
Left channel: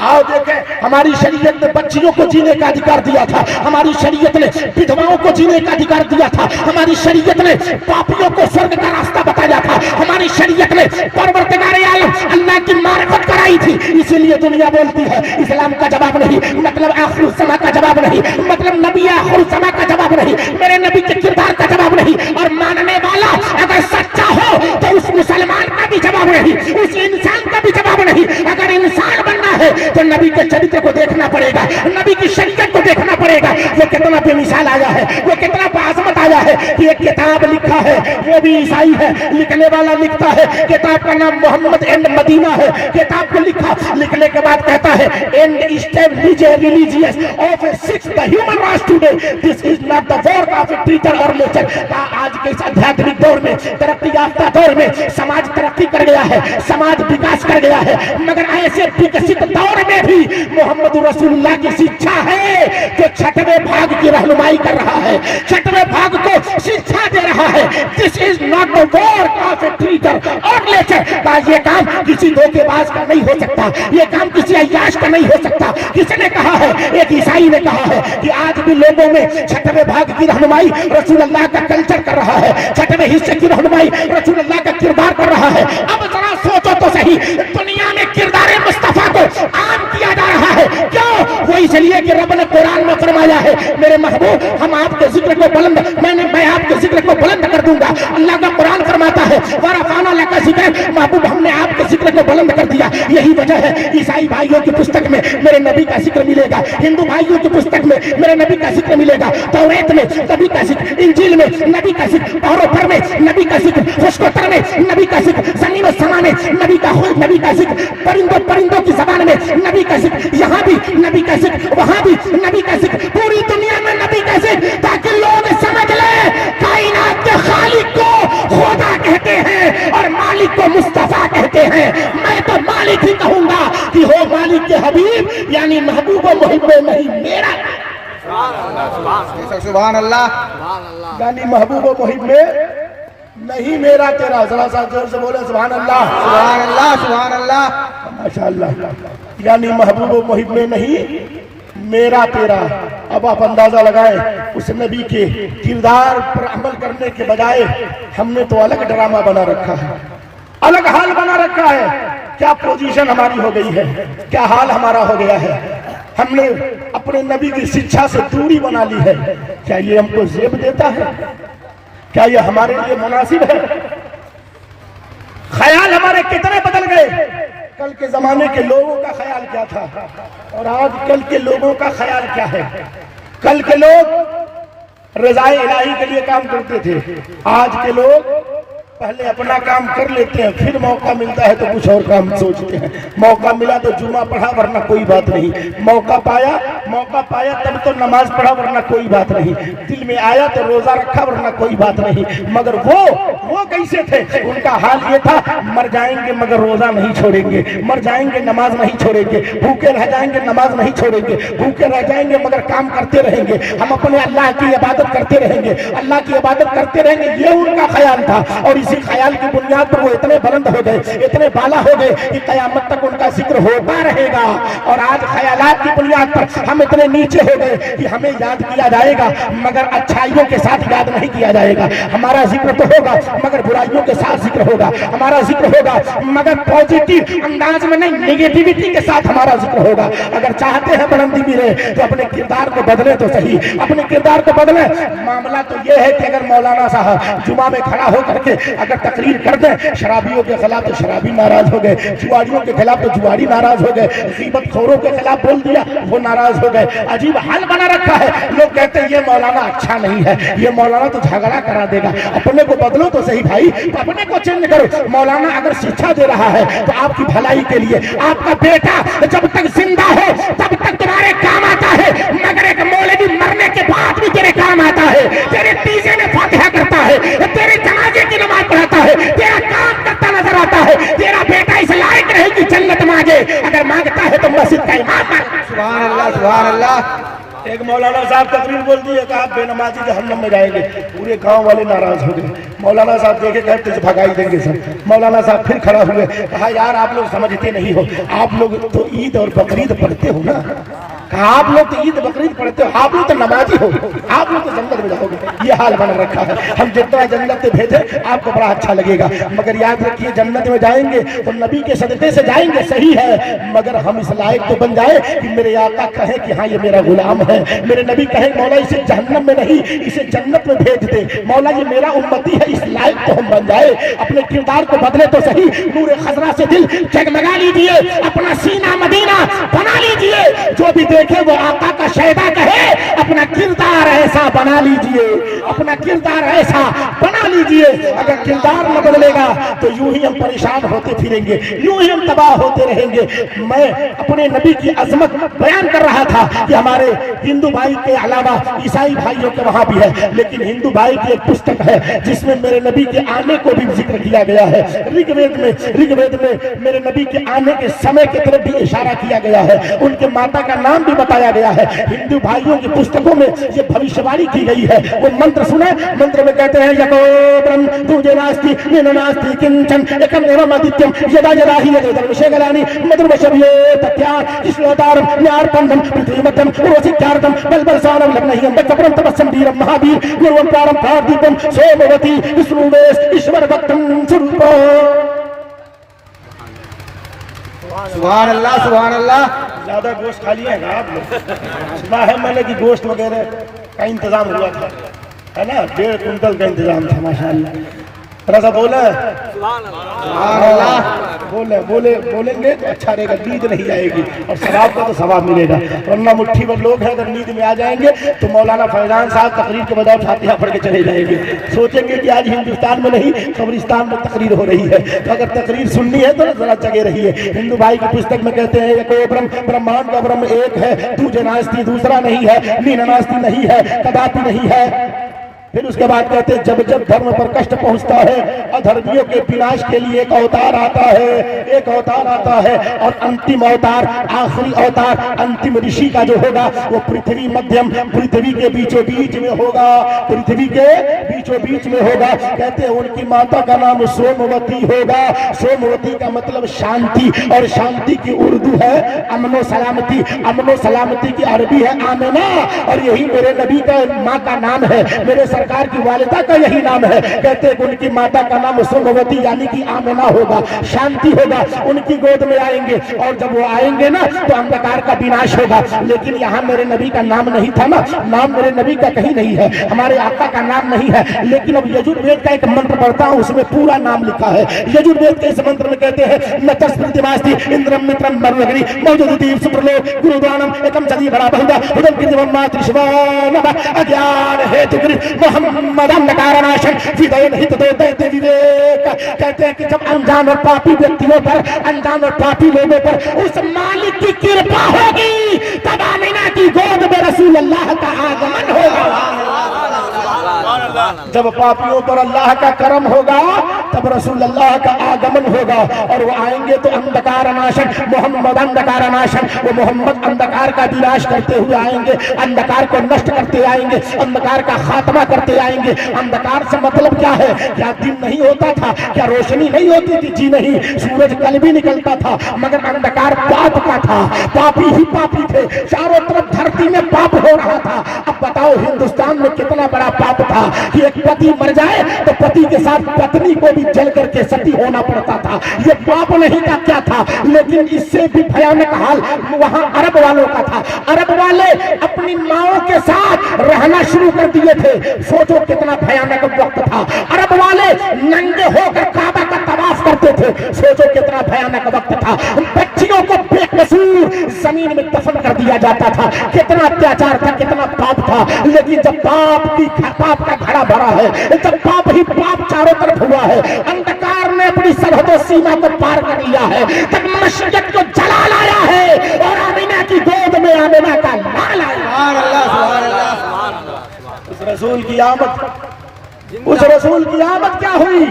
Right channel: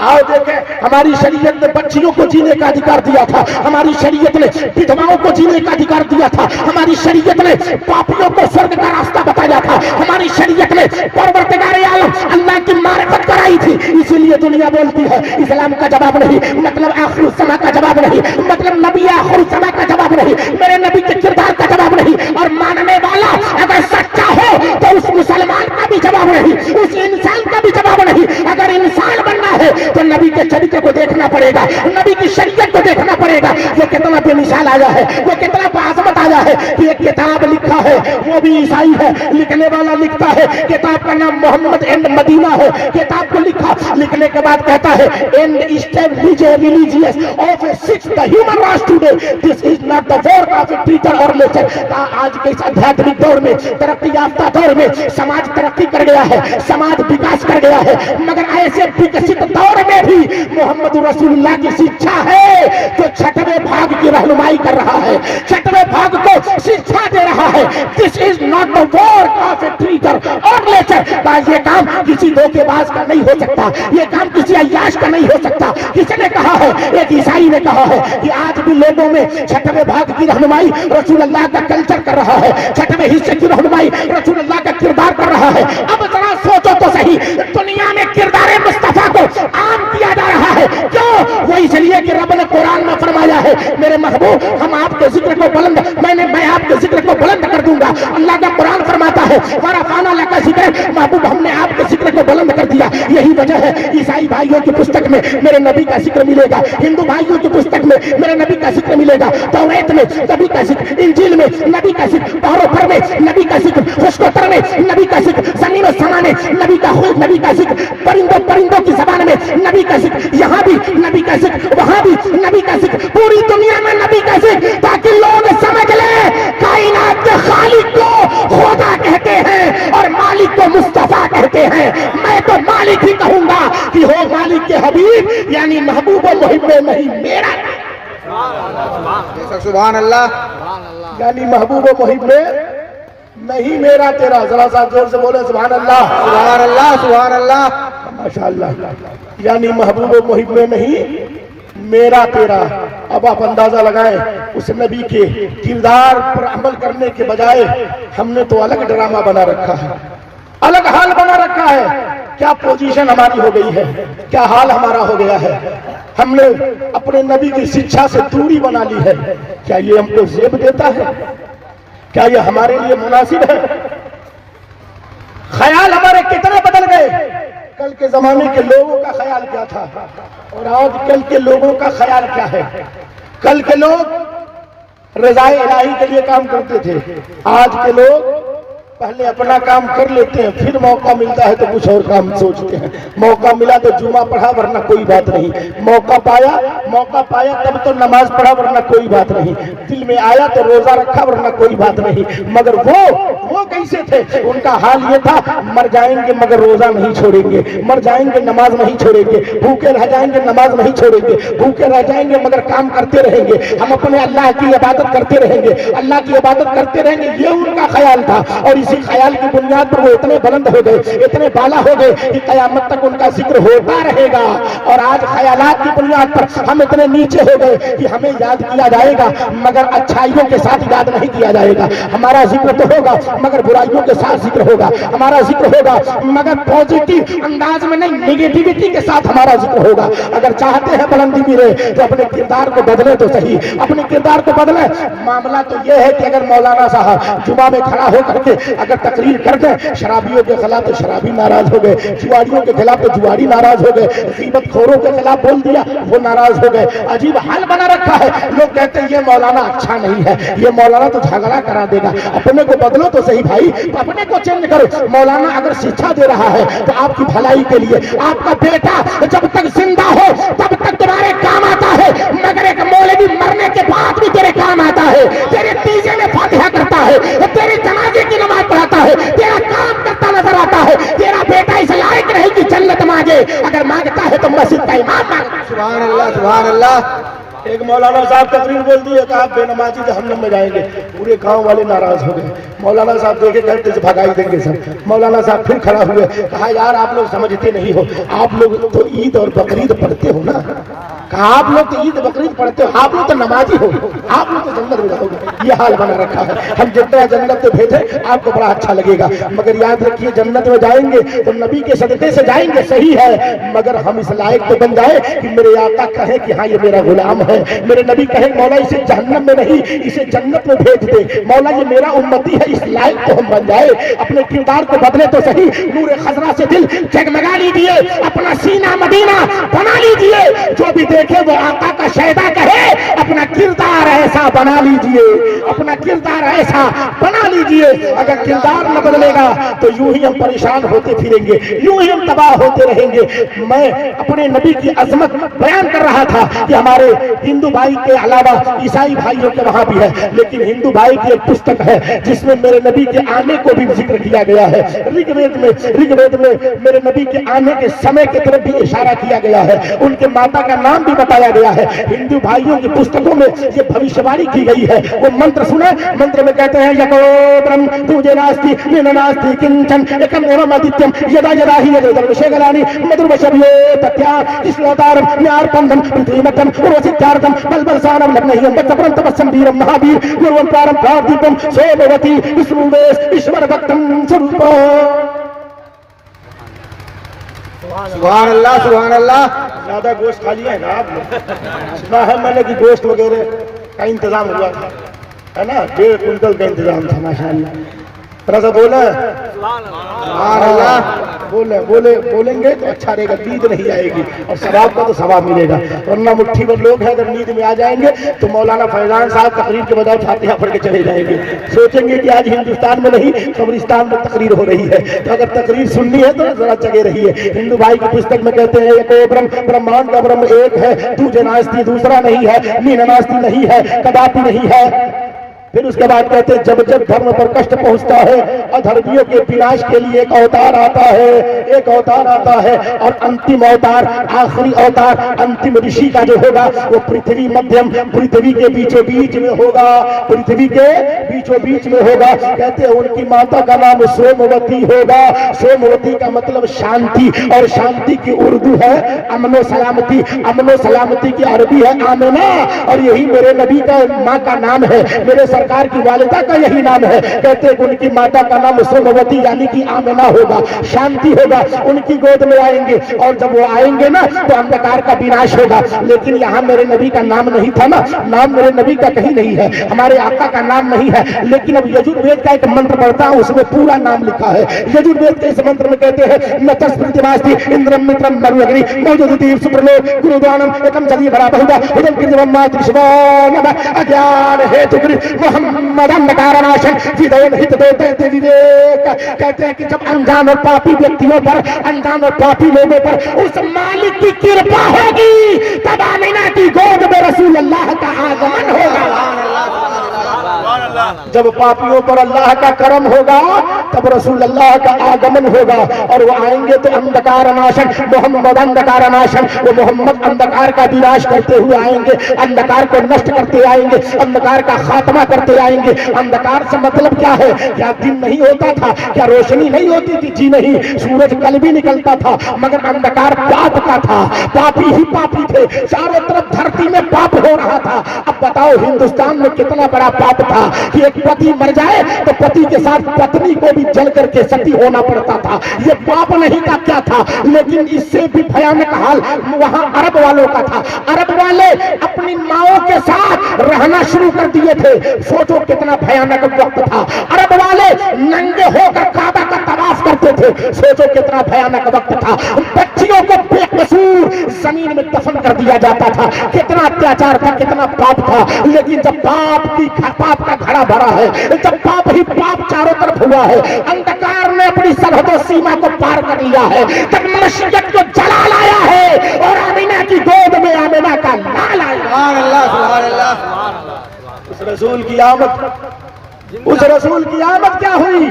आओ देखें, हमारी शरीयत ने बच्चियों को जीने का अधिकार दिया था। हमारी शरीयत ने विधवाओं को जीने का अधिकार दिया था। हमारी शरीयत ने पापियों को स्वर्ग का रास्ता बताया था। हमारी शरीयत ने परवरदिगार आलम अल्लाह की मारिफत कराई थी। इसीलिए दुनिया बोलती है इस्लाम का जवाब नहीं, मतलब आखिर समा का जवाब नहीं, मतलब नबी आखिर समा का जवाब नहीं, मेरे नबी के किरदार का जवाब नहीं। और मानने वाला अगर सच्चा हो तो उस मुसलमान का भी जवाब नहीं, उस इंसान का भी जवाब नहीं। अगर इंसान बनना है तो नबी के चरित्र को देखना पड़ेगा, नबी की शरीयत को देखना पड़ेगा। वो कितना बेमिसाल आया है, वो कितना बाज़मत आया है कि एक किताब लिखा है, वो भी ईसाई है, लिखने वाला लिखता है, किताब का नाम मोहम्मद एंड मदीना है। किताब को लिखा, लिखने के बाद कहता है and establish a religious of A six the human rights today, this is not the work of a teacher और लेक्चर। आज के इस आध्यात्मिक दौर में, तरक्की याफ्ता दौर में समाज तरक्की कर गया है, समाज विकास कर गया है, मगर ऐसे विकसित दौर में भी मोहम्मद रसूलुल्लाह की शिक्षा है जो छठवें भाग की रहनुमाई कर रहा है, छठवें भाग को शिक्षा दे रहा है। This is not the work of a teacher और लेक्चर। ये काम किसी धोखेबाज का नहीं हो सकता, ये काम किसी अय्याश का नहीं हो सकता। किसी ने कहा है, एक ईसाई ने कहा है कि आज भी लोगों में छठवें भाग की रहनुमाई रसूलुल्लाह का कल्चर कर रहा है, छठवें हिस्से की रहनुमाई रसूलुल्लाह का किरदार कर रहा है। अब जरा सोचो तो सही, दुनिया में किरदार मुस्तफा को आम किया जा रहा है। क्यों? वो इसलिए कि रब ने कुरान में फरमाया है मेरे महबूब हम आपके जिक्र को बुलंद, मैं आपके जिक्र को बुलंद कर दूंगा। अल्लाह का कुरान फरमाता है वरफाना लका जिक्र, महबूब हमने आपके जिक्र को बुलंद कर दिया। यही वजह है ईसाई भाइयों की पुस्तक में मेरे नबी का जिक्र मिलेगा, हिंदू भाइयों की पुस्तक में मेरे नबी का जिक्र मिलेगा, तौरात में नबी का जिक्र, इंजील में नबी का जिक्र, पहरों में नबी का जिक्र, फुस्कोतर में नबी का जिक्र, ज़मीन और समा में नबी का खुल्क, नबी का जिक्र, परिंदों की ज़बान में नबी का जिक्र, यहाँ भी नबी का जिक्र, वहाँ भी नबी का जिक्र, पूरी दुनिया में नबी का जिक्र, ताकि लोग समझ ले कायनात के खालिक को खुदा कहते हैं और मालिक को मुस्तफा कहते हैं। मैं तो मालिक ही कहूंगा कि हो मालिक के हबीब, यानी महबूब मुहिब में नहीं मेरा। सुभान अल्लाह, यानी महबूब मुहिब में नहीं मेरा तेरा। जरा सा जोर से बोले सुभान अल्लाह, सुभान अल्लाह, सुभान अल्लाह, माशाअल्लाह। यानी महबूब मुहिब में नहीं मेरा तेरा। अब आप अंदाजा लगाएं, उस नबी के किरदार पर अमल करने के बजाय हमने तो अलग ड्रामा बना रखा है, अलग हाल बना रखा है। क्या पोजीशन हमारी हो गई है, क्या हाल हमारा हो गया है। हमने अपने नबी की शिक्षा से दूरी बना ली है। क्या ये हमको जेब देता है? क्या ये हमारे लिए मुनासिब है? ख्याल हमारे कितने बदल गए। कल के जमाने के लोगों का ख्याल क्या था और आज कल के लोगों का ख्याल क्या है। कल के लोग रज़ाए इलाही के लिए काम करते थे, आज के लोग पहले अपना काम कर लेते हैं, फिर मौका मिलता है तो कुछ और काम सोचते हैं। मौका मिला तो जुमा पढ़ा वरना कोई बात नहीं, मौका पाया तब तो नमाज पढ़ा वरना कोई बात नहीं, दिल में आया तो रोजा रखा वरना कोई बात नहीं। मगर वो कैसे थे? उनका हाल ये था, मर जाएंगे मगर रोजा नहीं छोड़ेंगे, मर जाएंगे नमाज नहीं छोड़ेंगे, भूखे रह जाएंगे नमाज नहीं छोड़ेंगे, भूखे रह जाएंगे मगर काम करते रहेंगे, हम अपने अल्लाह की इबादत करते रहेंगे, अल्लाह की इबादत करते रहेंगे। ये उनका ख्याल था और इसी ख्याल की बुनियाद पर वो इतने बुलंद हो गए, इतने बाला हो गए कि कयामत तक उनका जिक्र होता रहेगा। और आज ख्यालात की बुनियाद पर हम इतने नीचे हो गए कि हमें याद किया जाएगा मगर अच्छाइयों के साथ याद नहीं किया जाएगा। हमारा जिक्र तो होगा मगर बुराइयों के साथ जिक्र होगा, हमारा जिक्र होगा मगर पॉजिटिव अंदाज में नहीं, नेगेटिविटी के साथ हमारा जिक्र होगा। अगर चाहते हैं बुलंदी मिले तो अपने किरदार को बदले तो सही, अपने किरदार को बदले। मामला तो यह है कि अगर मौलाना साहब जुमा में खड़ा होकर के अगर तकरीर कर दें शराबियों के खिलाफ तो शराबी नाराज हो गए, जुआरियों के खिलाफ तो जुआरी नाराज हो गए, गीबतखोरों के खिलाफ बोल दिया वो नाराज हो गए। अजीब हाल बना रखा है। लोग कहते हैं ये मौलाना अच्छा नहीं है, ये मौलाना तो झगड़ा करा देगा। अपने को बदलो तो सही भाई, अपने को चेंज करो। मौलाना अगर शिक्षा दे रहा है तो आपकी भलाई के लिए, आपका बेटा जब तक जिंदा हो तब तक तुम्हारे काम आता है, मगर एक मौलवी मरने के बाद भी तेरे काम आता है, तेरे तीजे में फातिहा करता है, तेरे जनाजे की नमाज पढ़ाता है, तेरा काम करता नजर आता है। तेरा बेटा इस लायक नहीं कि जन्नत मांगे, अगर मांगता है तो मस्जिद का इमाम मांगे। सुभान अल्लाह, सुभान अल्लाह। एक मौलाना साहब तकरीर बोल दी है कि आप बेनमाजी जहन्नम में जाएंगे, पूरे गांव वाले नाराज हो गए। मौलाना साहब देखे घर से भगाई देंगे सर। मौलाना साहब फिर खड़ा हुए, कहा यार आप लोग समझते नहीं हो, आप लोग तो ईद और बकरीद पढ़ते हो ना, कहा आप लोग तो ईद बकरीद पढ़ते हो, आप लोग तो नमाजी हो, आप लोग तो जन्नत में जाओगे। ये हाल बना रखा है। हम जितना जन्नत में भेजे आपको बड़ा अच्छा लगेगा, मगर याद रखिए जन्नत में जाएंगे तो नबी के सदक़े से जाएंगे, सही है, मगर हम इस लायक तो बन जाए कि मेरे आका कहे कि हाँ ये मेरा गुलाम है, मेरे नबी कहे मौला इसे जहन्नम में नहीं इसे जन्नत में भेज दे, मौला ये मेरा उम्मती है, इस लायक तो हम बन जाए। अपने किरदार को बदले तो सही, नूर खजरा से दिल जगमगा लीजिए, अपना सीना मदीना बना लीजिए, जो भी देखे वो आका का शहदा कहे, अपना किरदार ऐसा बना लीजिए, अपना किरदार ऐसा बना लीजिए। अगर किरदार न बदलेगा तो यूं ही हम परेशान होते फिरेंगे, यूं ही हम तबाह होते रहेंगे। मैं अपने नबी की अजमत बयान कर रहा था कि हमारे हिंदू भाई के अलावा ईसाई भाइयों के वहां भी है, लेकिन हिंदू भाई की एक पुस्तक है जिसमें मेरे नबी के आने को भी जिक्र किया गया है। ऋग्वेद में मेरे नबी के आने के समय की तरफ भी इशारा किया गया है, उनके माता का नाम भी बताया गया है। हिंदू भाइयों की पुस्तकों में ये भविष्यवाणी की गई है। वो मंत्र सुने, मंत्र में कहते हैं यतो ब्रह्म तुझे नास्ति मीन नास्ति किंचन एकम एवं आदित्यम यदा यदा ही यदर्शेगलानि मधुरवशव्ये तथ्या ईश्वतारम न्यार्पन्दम पृथ्वीमतम रोसित्यार्थम बलबलसानम लग्नहियं तत्प्रं तपस्सं वीरं महावीर निर्वंतारं प्रार्थितं सोमवती विष्णुवेश ईश्वर भक्तं स्वरूपा। सुभान अल्लाह, सुभान अल्लाह। ज्यादा गोश्त खा लिया है ना आप लोग? सुना है मैंने कि गोश्त वगैरह का इंतजाम हुआ था, है ना, 1.5 कुंटल का इंतजाम था माशाअल्लाह। थोड़ा सा बोले बोलेंगे तो अच्छा रहेगा, नींद नहीं आएगी और सवाब का तो सवाब मिलेगा, वरना मुट्ठी भर लोग हैं अगर नींद में आ जाएंगे तो मौलाना फैजान साहब तकरीर के बजाय फातिहा पढ़ के चले जाएंगे, सोचेंगे कि आज हिंदुस्तान में नहीं कब्रिस्तान में तकरीर हो रही है। तो अगर तकरीर सुननी है तो जरा जगह रही है। हिंदू भाई की पुस्तक में कहते हैं एक ब्रह्म, ब्रह्मांड का ब्रह्म एक है, तुझे नास्ती दूसरा नहीं है, मीन नास्ती नहीं है, कदापि नहीं है। फिर उसके बाद कहते हैं जब जब धर्म पर कष्ट पहुंचता है अधर्मियों के विनाश के लिए एक अवतार आता है, एक अवतार आता है और अंतिम अवतार, आखिरी अवतार, अंतिम ऋषि का जो होगा वो पृथ्वी मध्यम, पृथ्वी के बीचों बीच में होगा, पृथ्वी के बीचों बीच में होगा। कहते हैं उनकी माता का नाम सोमवती होगा। सोमवती का मतलब शांति, और शांति की उर्दू है अमनो सलामती, अमनो सलामती की अरबी है आमना, और यही मेरे नबी का माँ का नाम है, मेरे सरकार की वालिदा का यही नाम है। कहते हैं उनकी माता का नाम सोमवती यानी कि आमिना होगा, शांति होगा, उनकी गोद में आएंगे और जब वो आएंगे ना तो अंधकार का विनाश होगा। लेकिन यहाँ मेरे नबी का नाम नहीं था ना, नाम मेरे नबी का कहीं नहीं है, हमारे आका का नाम नहीं है। लेकिन अब यजुर्वेद का एक मंत्र पढ़ता हूँ उसमें पूरा नाम लिखा है। यजुर्वेद के इस मंत्र में कहते हैं नतस्मृतिमास्ति इंद्रम मित्रम मरुअग्नि मौजूदीव सुप्रलोक गुरुदानम एकम सदी भरा बहुधा उदम कृतम मातृशवानम अज्ञान हेतु मोहम्मदन कारणनाशन विदेन हित देते विवेक। कहते हैं कि जब अनजान और पापी व्यक्तियों पर, अनजान और पापी लोगों पर उस मालिक की कृपा होगी तब आमिना की गोद में रसूल अल्लाह का आगमन होगा। जब पापियों पर अल्लाह का करम होगा तब रसूल अल्लाह का आगमन होगा और वो आएंगे तो अंधकार नाशन, मोहम्मद अंधकार नाशन, वो मोहम्मद अंधकार का विनाश करते हुए आएंगे, अंधकार को नष्ट करते आएंगे, अंधकार का खात्मा करते आएंगे। अंधकार से मतलब क्या है? क्या दिन नहीं होता था? क्या रोशनी नहीं होती थी? जी नहीं, सूरज कल भी निकलता था, मगर अंधकार पाप का था, पापी ही पापी थे, चारों तरफ धरती में पाप हो रहा था। अब बताओ हिंदुस्तान में कितना बड़ा पाप था, कि एक पति मर जाए तो पति के साथ पत्नी को भी जल करके सती होना पड़ता था। ये पाप नहीं था क्या था, लेकिन इससे भी भयानक हाल वहां अरब वालों का था। अरब वाले अपनी माओं के साथ रहना शुरू कर दिए थे। सोचो कितना भयानक वक्त था। अरब वाले नंगे होकर काबा का तवाफ करते थे। सोचो कितना भयानक वक्त था। बच्चियों को बेकसूर जमीन में दफन कर दिया जाता था। कितना अत्याचार था, कितना पाप था। लेकिन जब पाप का घड़ा भरा है, जब पाप ही पाप चारों तरफ हुआ है, अंधकार ने अपनी सरहद सीमा को पार कर लिया है, तब मशीयत को जला लाया है और आमिना की गोद में आमिना का लाल आया। उस रसूल की आमद क्या हुई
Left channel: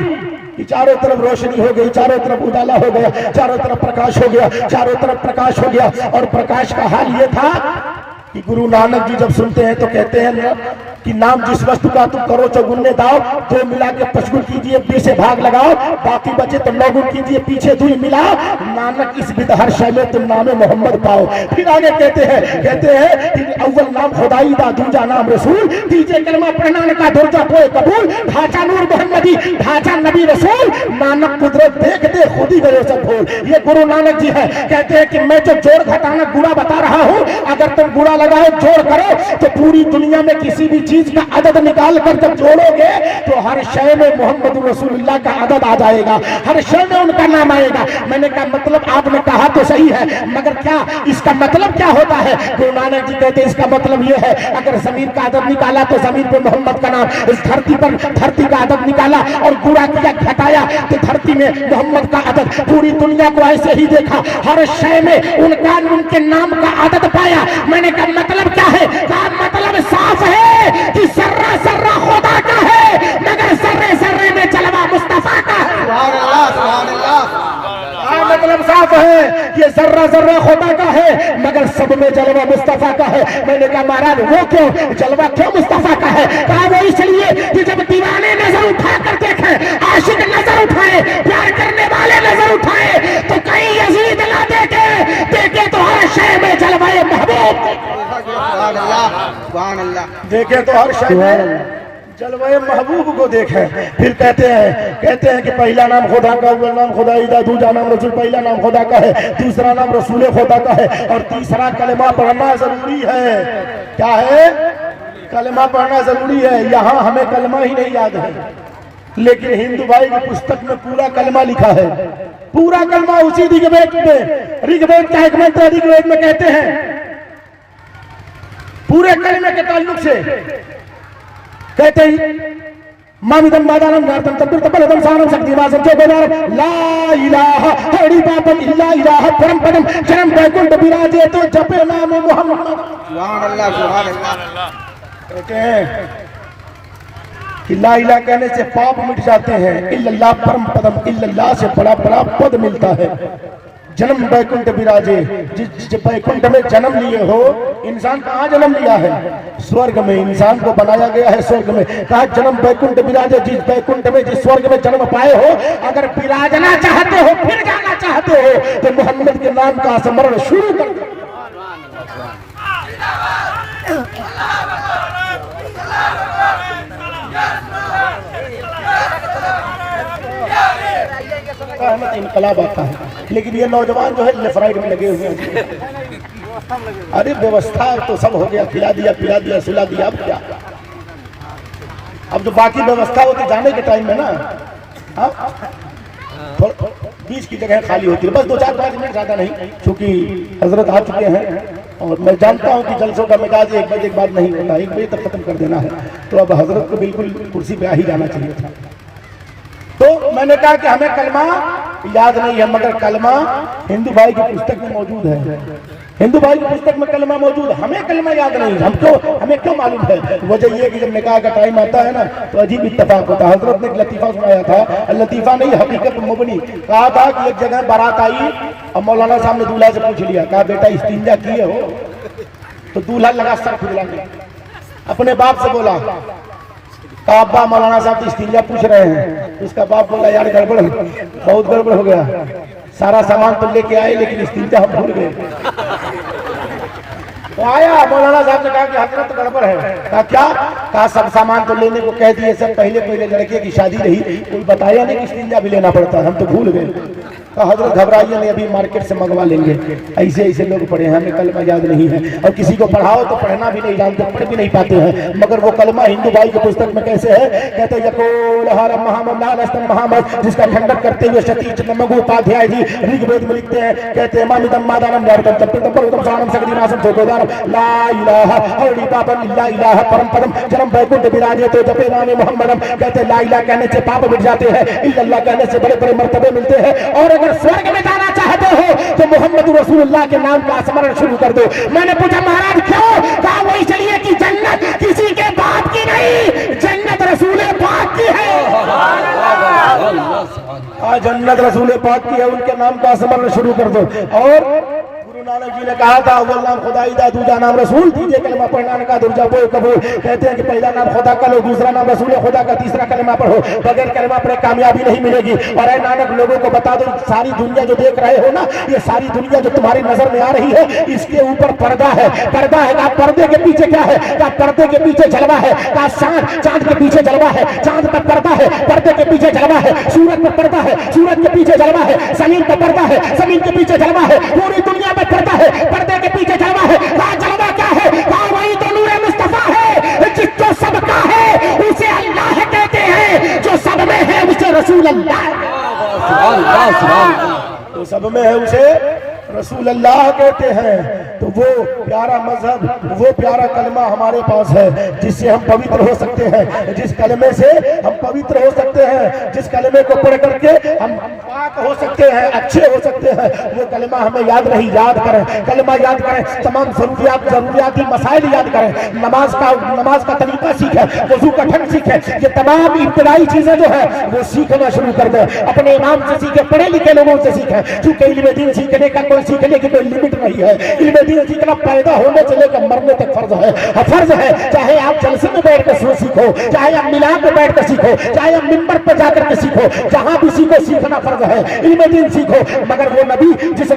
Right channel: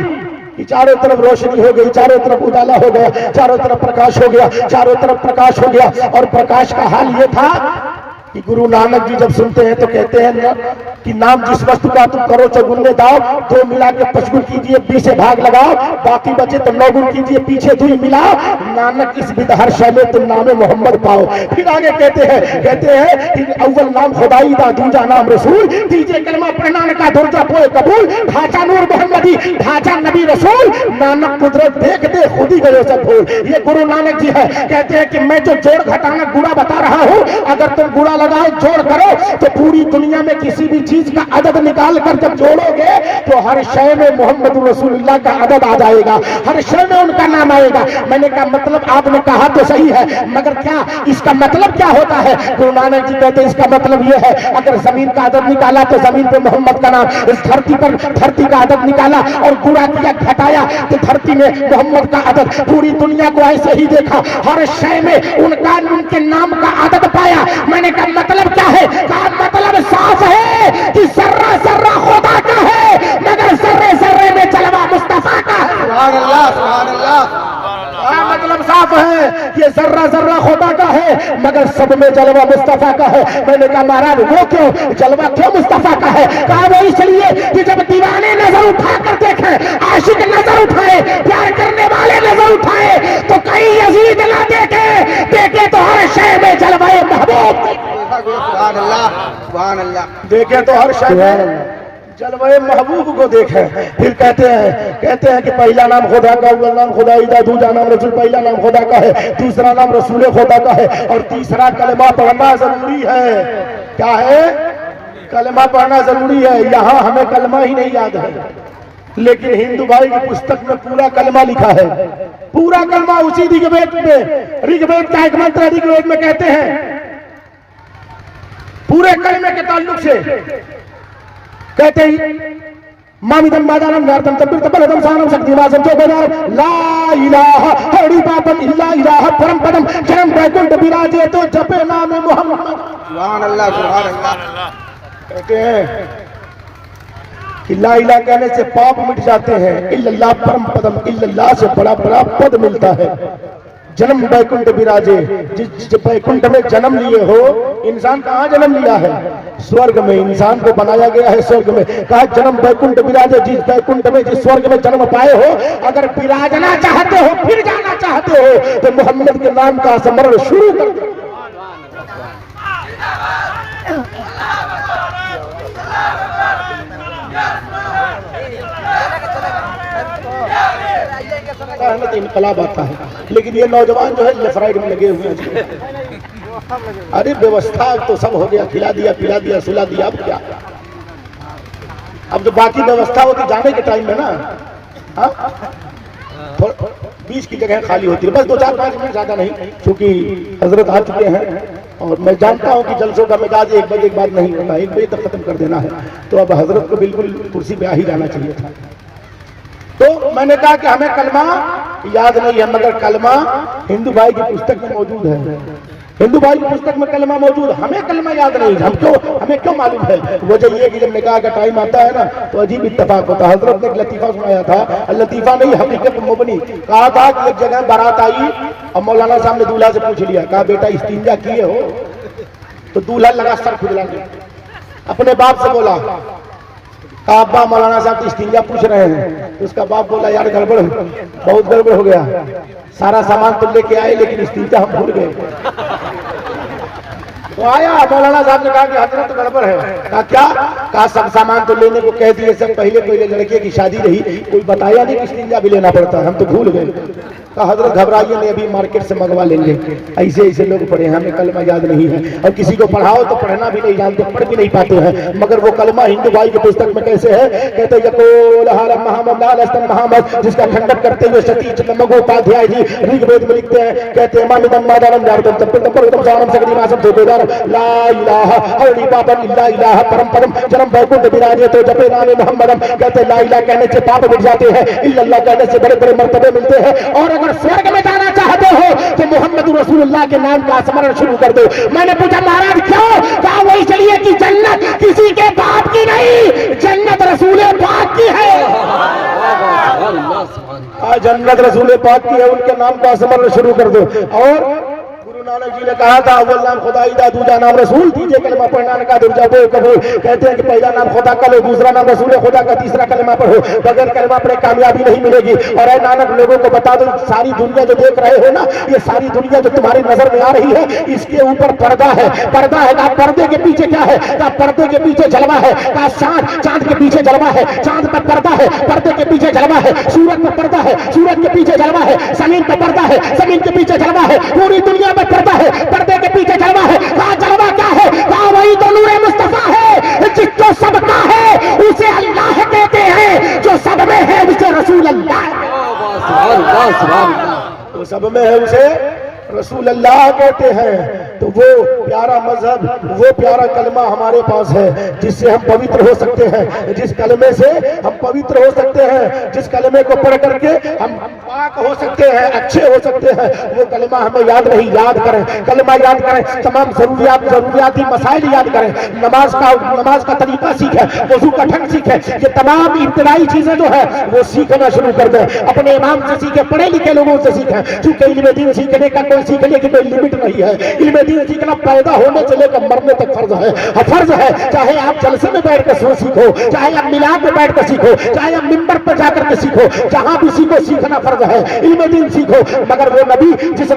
कि चारों तरफ रोशनी हो गई, चारों तरफ उजाला हो गया, चारों तरफ प्रकाश हो गया, चारों तरफ प्रकाश हो गया। और प्रकाश का हाल ये था कि गुरु नानक जी जब सुनते हैं तो कहते हैं ना कि नाम जिस वस्तु का तुम करो से गुण दाओ, 2 मिला के 5 गुण कीजिए, 20 से भाग लगाओ, बाकी बचे तो 9 गुण कीजिए, पीछे 2 मिलाओ, नानक इस विदहर शैले तुम नामे मोहम्मद पाओ। फिर आगे कहते हैं कि अव्वल नाम खुदाई दा, दूजा नाम रसूल, तीजे कलमा प्रणान का दुर्जा पोए कबूल, ढांचा नूर मोहम्मदी, ढांचा नबी रसूल, नानक कुदरत देख दे खुद ही करो सब भूल। ये गुरु नानक जी है। कहते हैं कि मैं जो जोड़ घटाना गुणा बता रहा हूँ, अगर तुम गुणा लगाओ, जोड़ करो, तो पूरी दुनिया में किसी भी चीज का अदद निकाल कर जब जोड़ोगे तो हर शय में मोहम्मद रसूलुल्लाह का अदद आ जाएगा, हर शय में उनका नाम आएगा। मैंने कहा मतलब आपने कहा तो सही है, मगर क्या इसका मतलब क्या होता है? गुरु नानक जी कहते हैं इसका मतलब यह है, अगर जमीन का अदद निकाला तो जमीन पर मोहम्मद का नाम, इस धरती पर धरती का अदद निकाला और गुणा किया, घटाया तो धरती में मोहम्मद का अदद। पूरी दुनिया को ऐसे ही देखा, हर शय में उनके नाम का अदद पाया। मैंने कहा मतलब क्या है? कहा मतलब साफ है कि सर्रा सर्रा खुदा का है, मगर सर्रे सर्रे में जलवा मुस्तफा का है। मतलब साफ है कि सर्रा सर्रा खुदा का है, मगर सब में जलवा मुस्तफा का है। मैंने कहा महाराज वो क्यों, जलवा क्यों मुस्तफा का है? कहा वो इसलिए कि जब दीवाने नजर उठा कर देखे, आशिक नजर उठाए, प्यार करने वाले नजर उठाए, तो कहीं यजीद ना देखे तो हर शय में जलवाए महबूब देखे, तो हर शय में जलवाए महबूब को देखे। फिर कहते हैं कि पहला नाम खुदा का, अव्वल नाम खुदाई दा, दूसरा नाम रसूल, पहला नाम खुदा का है, दूसरा नाम रसूल खुदा का है, और तीसरा कलमा पढ़ना जरूरी है। क्या है? कलमा पढ़ना जरूरी है। यहाँ हमें कलमा ही नहीं याद है, लेकिन हिंदू भाई की पुस्तक में पूरा कलमा लिखा है, पूरा कलमा उसी ऋग्वेद में, ऋग्वेद का एक मंत्र ऋग्वेद में कहते हैं, पूरे कलमे के ताल्लुक से कहते हैं मामिदम बादानम नारतम तब्बिर तब्बलदम सानम शक्तिवासम के बेदार ला इलाहा हरि पापम इल्ला इलाहा परम पदम जन्म बैकुंठ विराजे तो जपे नाम मोहम्मद। सुभान अल्लाह, सुभान अल्लाह। कहते हैं कि ला इलाहा कहने से पाप मिट जाते हैं, इल्लल्लाह परम पदम, इल्लल्लाह से बड़ा बड़ा पद मिलता है। जन्म बैकुंठ विराजे, जिस बैकुंठ में जन्म लिए हो, इंसान कहाँ जन्म लिया है? स्वर्ग में। इंसान को बनाया गया है स्वर्ग में। कहा जन्म बैकुंठ विराजे, जिस बैकुंठ में, जिस स्वर्ग में जन्म पाए हो, अगर विराजना चाहते हो, फिर जाना चाहते हो, तो मोहम्मद के नाम का स्मरण शुरू कर दो। हमें तो इनकलाब आता है, लेकिन ये नौजवान जो है लेफ्राइड में लगे हुए हैं। अरे व्यवस्था तो सब हो गया, खिला दिया, पिला दिया, सुला दिया, अब क्या? अब जो बाकी व्यवस्था होती जाने के टाइम में ना, तो बीच की जगह खाली होती है, बस 2-4-5 मिनट, ज्यादा नहीं, क्योंकि हजरत आ चुके हैं और मैं जानता हूं कि जलसों का मिजाज 1 बजे के बाद नहीं होता, 1 बजे तक खत्म कर देना है। तो अब हजरत को बिल्कुल कुर्सी पे आ ही जाना चाहिए था। तो मैंने कहा कि हमें कलमा याद नहीं है, मगर कलमा हिंदू भाई की पुस्तक में मौजूद है। हिंदू भाई की पुस्तक में कलमा मौजूद, हमें कलमा याद नहीं है। हमें क्यों मालूम है? वजह ये कि जब निकाह का टाइम आता है ना, तो अजीब इत्तेफाक होता है। हजरत ने एक लतीफा सुनाया था, लतीफा नहीं हकीकत मुबनी। कहा था कि एक जगह बारात आई और मौलाना साहब ने दूल्हा से पूछ लिया, कहा बेटा इस्तिंजा किए हो? तो दूल्हा लगा सर खुजलाने, अपने बाप से बोला, कहा अब्बा मौलाना साहब इस्तिंजा पूछ रहे हैं। उसका बाप बोला यार गड़बड़, बहुत गड़बड़ हो गया, सारा सामान तुम लेके आए लेकिन इस्तिंजा हम भूल गए। तो आया मौलाना साहब ने कहा कि हजरत गड़बड़ है। कहा क्या? कहा सब सामान तो लेने को कह दिए, सब पहले लड़के की शादी रही, कोई बताया नहीं कि स्टिंजा भी लेना पड़ता, हम तो भूल गए। कहा हजरत घबराइए नहीं, अभी मार्केट से मंगवा लेंगे। ऐसे लोग पढ़े हैं, हमें कलमा याद नहीं है, और किसी को पढ़ाओ तो पढ़ना भी नहीं जानते, पढ़ भी नहीं पाते हैं। मगर वो कलमा हिंदू भाई के पुस्तक में कैसे है? कहते जिसका खंडन करते हुए सतीश नमोपाध्याय जी ऋग्वेद में लिखते हैं, कहते हैं परम परम जन्म वैकुंठ विराजे तो जपे नामे मोहम्मदम। कहते ला इलाहा कहने से पाप मिट जाते हैं, इल्लल्लाह कहने से बड़े बड़े मर्तबे मिलते हैं, और अगर स्वर्ग में जाना चाहते हो तो मोहम्मद रसूलुल्लाह के नाम का स्मरण शुरू कर दो। मैंने पूछा महाराज क्यों? कहा वही चलिए कि जन्नत किसी के बाप की नहीं, जन्नत रसूल पाक की है। जन्नत रसूल पाक की है, उनके नाम का स्मरण शुरू कर दो। और नानक जी ने कहा था अव्वल नाम खुदा ईदा दूजा नाम रसूल, तीजे कलमा पढ़ना का दुर्जा बे कबूल। कहते हैं कि पहला नाम खुदा का लो, दूसरा नाम रसूल खुदा का, तीसरा कलमा पढ़ो, बगैर कलमा पढ़े कामयाबी नहीं मिलेगी। और ऐ नानक लोगों को बता दो, सारी दुनिया जो देख रहे हो ना, ये सारी दुनिया जो तुम्हारी नजर में आ रही है, इसके ऊपर पर्दा है। पर्दा है, कहा पर्दे के पीछे क्या है? कहा पर्दे के पीछे जलवा है। कहा चांद के पीछे जलवा है, चांद पर पर्दा है, पर्दे के पीछे जलवा है। सूरज पर पर्दा है, सूरज के पीछे जलवा है। जमीन पर पर्दा है, जमीन के पीछे जलवा है। पूरी दुनिया में पर्दा है, पर्दे के पीछे जलवा है। कहा जलवा क्या है? कहा वही तो नूरे मुस्तफा है, जिसको सबका है उसे अल्लाह कहते हैं, जो सब में है उसे रसूल अल्लाह, तो सब में है उसे रसूल अल्लाह कहते हैं। तो वो प्यारा मजहब, वो प्यारा कलमा हमारे पास है, जिससे हम पवित्र हो सकते हैं, जिस कलमे से हम पवित्र हो सकते हैं, जिस कलमे को पढ़ करके हम पाक हो सकते हैं, अच्छे हो सकते हैं। वो कलमा हमें याद नहीं, याद करें, कलमा याद करें, तमाम जरूरियाती मसाइल याद करें, नमाज का तरीका सीखें, वजू का ढंग सीखें, ये तमाम इब्तिदाई चीजें जो है वो सीखना शुरू कर दें। अपने इमाम से सीखें, पढ़े लिखे लोगों से सीखें, क्योंकि इल्म दीन सीखने का सीखने की कोई लिमिट नहीं है। इल्म दीन सीखना पैदा होने से लेकर मरने तक फर्ज है, फर्ज है। चाहे आप जलसे में बैठ कर सीखो, चाहे आप मिलाद में बैठ कर सीखो, चाहे आप मिंबर पर जाकर के सीखो, जहां भी सीखो सीखना फर्ज है। इल्म दीन सीखो। मगर वो नबी जिस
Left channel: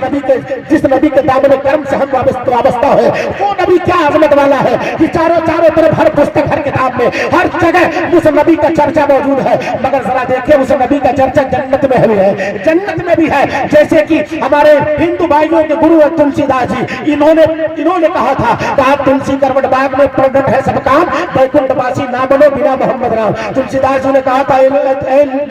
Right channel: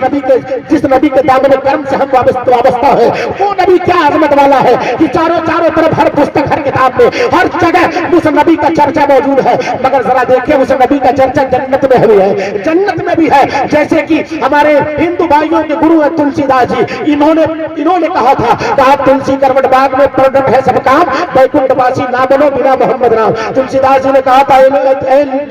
नबी के दामन कर्म से हम वाबस्ता है, वो नबी क्या अजमत वाला है कि चारों तरफ हर पुस्तक, हर किताब में, हर जगह उस नबी का चर्चा मौजूद है। मगर जरा देखिए, उस नबी का चर्चा जन्नत में भी है, जन्नत में भी है। जैसे कि हमारे हिंदू भाइयों के गुरु है तुलसीदास जी, इन्होंने कहा था, कहा तुलसी करवट बाग में प्रोडक्ट है सब काम, वैकुंठवासी ना बनो बिना मोहम्मद राम। तुलसीदास जी ने कहा था,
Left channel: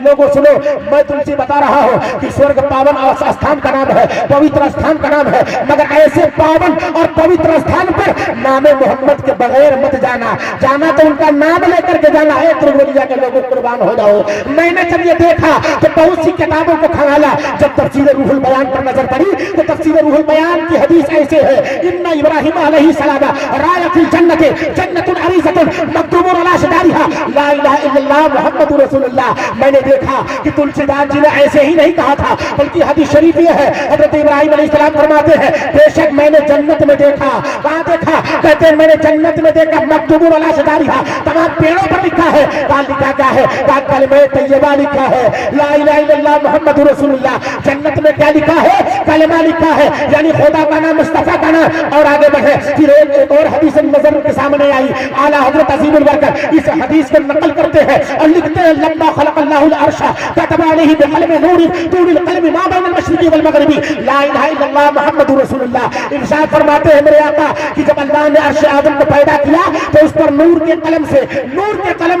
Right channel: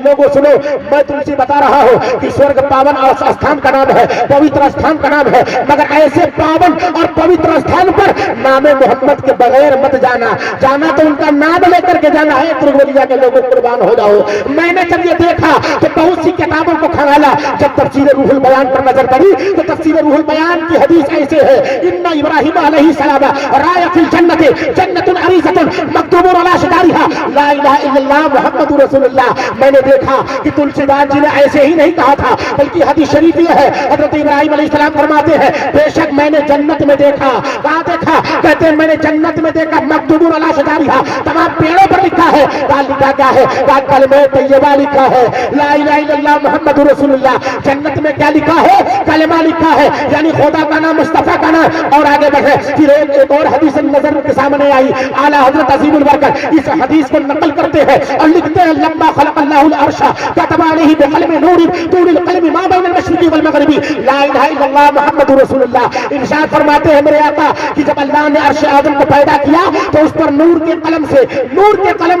लोगों सुनो, मैं तुलसी बता रहा हूँ कि स्वर्ग पावन स्थान का नाम है, पवित्र स्थान का नाम है, मगर ऐसे पावन और पवित्र स्थान पर नामे मोहम्मद के बगैर मत जाना, जाना तो उनका नाम लेकर के जाना है। त्रिवेलिया के लोगों कुर्बान हो जाओ। मैंने जब ये देखा तो बहुत सी किताबों को खंगाला, जब तफसीर रूहुल बयान पर नजर पड़ी तो तफसीर रूहुल बयान की हदीस ऐसे है, इन्ना इब्राहिम अलैहिस्सलाम राया फिल जन्नति जन्नतुन अरीज़तुन मक्तूबुन अला शिदारिहा ला इलाहा इल्लल्लाह मुहम्मदुर रसूलुल्लाह। मैंने देखा कि तुलसीदास जी ने ऐसे ही नहीं कहा था, बल्कि हदीस शरीफ ये है, हजरत इब्राहिम अलैहिस्सलाम फरमाते हैं, बेशक मैंने जन्नत में देखा। कहाँ देखा? कहते हैं मैंने जन्नत में देखा, मक्तूबुन अला शिदारिहा, तमाम पेड़ों पर लिखा है। कहा लिखा क्या है? कहा कलमे तैयबा लिखा है, ला इलाहा इल्लल्लाह मुहम्मदुर रसूलुल्लाह। जन्नत में क्या लिखा है? कलमा लिखा है, यानी खुदा का नाम, मुस्तफा का नाम। और आगे बढ़े, फिर एक और हदीस नजर के सामने आई, आला हजरत अजीमुल बरकत इस हदीस को नकल करते हैं और लिखते हैं, लम्मा खलक़ल्लाहुल अर्श कतबा अलैहि बिक़लमी नूर तूरिल क़लमी मा बैनल मशरिक़ि वल मग़रिबी ला इलाहा इल्लल्लाह मुहम्मदुर रसूलुल्लाह। इरशाद फरमाते हैं मेरे आका कि जब अल्लाह ने अर्श आज़म को पैदा किया तो उस पर नूर के कलम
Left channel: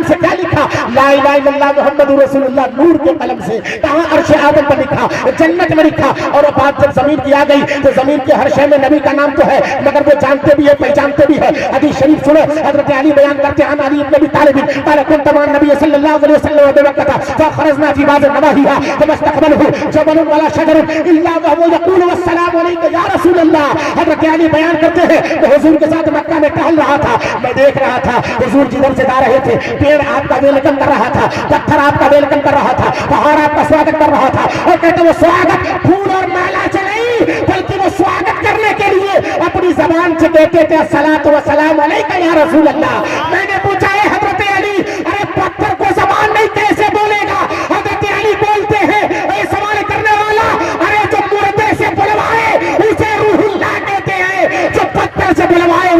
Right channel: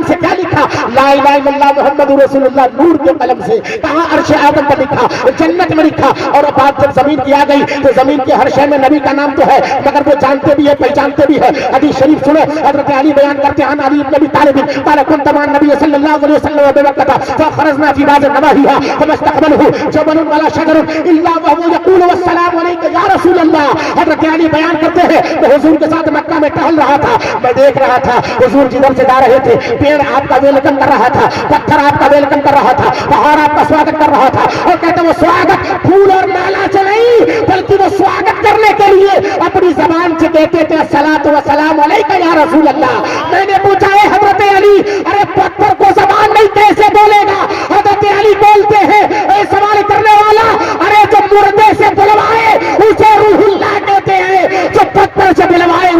से क्या लिखा? ला इलाहा इल्लल्लाह मुहम्मदुर रसूलुल्लाह, नूर के कलम से। कहां? अर्श आज़म पर लिखा, जन्नत में लिखा। और बात जब जमीन की आ गई तो जमीन के हर शय में नबी का नाम तो है, मगर वो जानते भी है, पहचानते भी है। हदीस शरीफ सुनो, हजरत अली बयान करते हैं, अली इब्न अबी तालिब क़ाल कुन्त मअ नबी सल्लल्लाहु अलैहि वसल्लम व बरकता फखरजना फी बाज़ नवाहिहा फमस्तक़बलहु जबलुन वला शजरुन इल्ला वहुवा यक़ूलु वस्सलामु अलैका या रसूल अल्लाह। हजरत अली बयान करते हैं, मैं हुजूर के साथ मक्का में टहल रहा था, मैं देख रहा था हुजूर जिधर से जा रहे थे, पेड़ आपका वेलकम कर रहा था, पत्थर आपका वेलकम कर रहा था, पहाड़ आपका स्वागत कर रहा था। और कहते वो स्वागत फूल और माला से नहीं, बल्कि वो स्वागत करने के लिए अपनी जबान से कहते थे, अस्सलातु वस्सलामु अलैका या रसूल अल्लाह। मैंने पूछा है हजरत अली, अरे पत्थर को जबान नहीं कैसे बोलेगा? हजरत अली बोलते हैं, ए सवाल करने वाला, अरे जो मुर्दे से बुलवाए उसे रूहुल्लाह कहते हैं, जो पत्थर से बुलवाए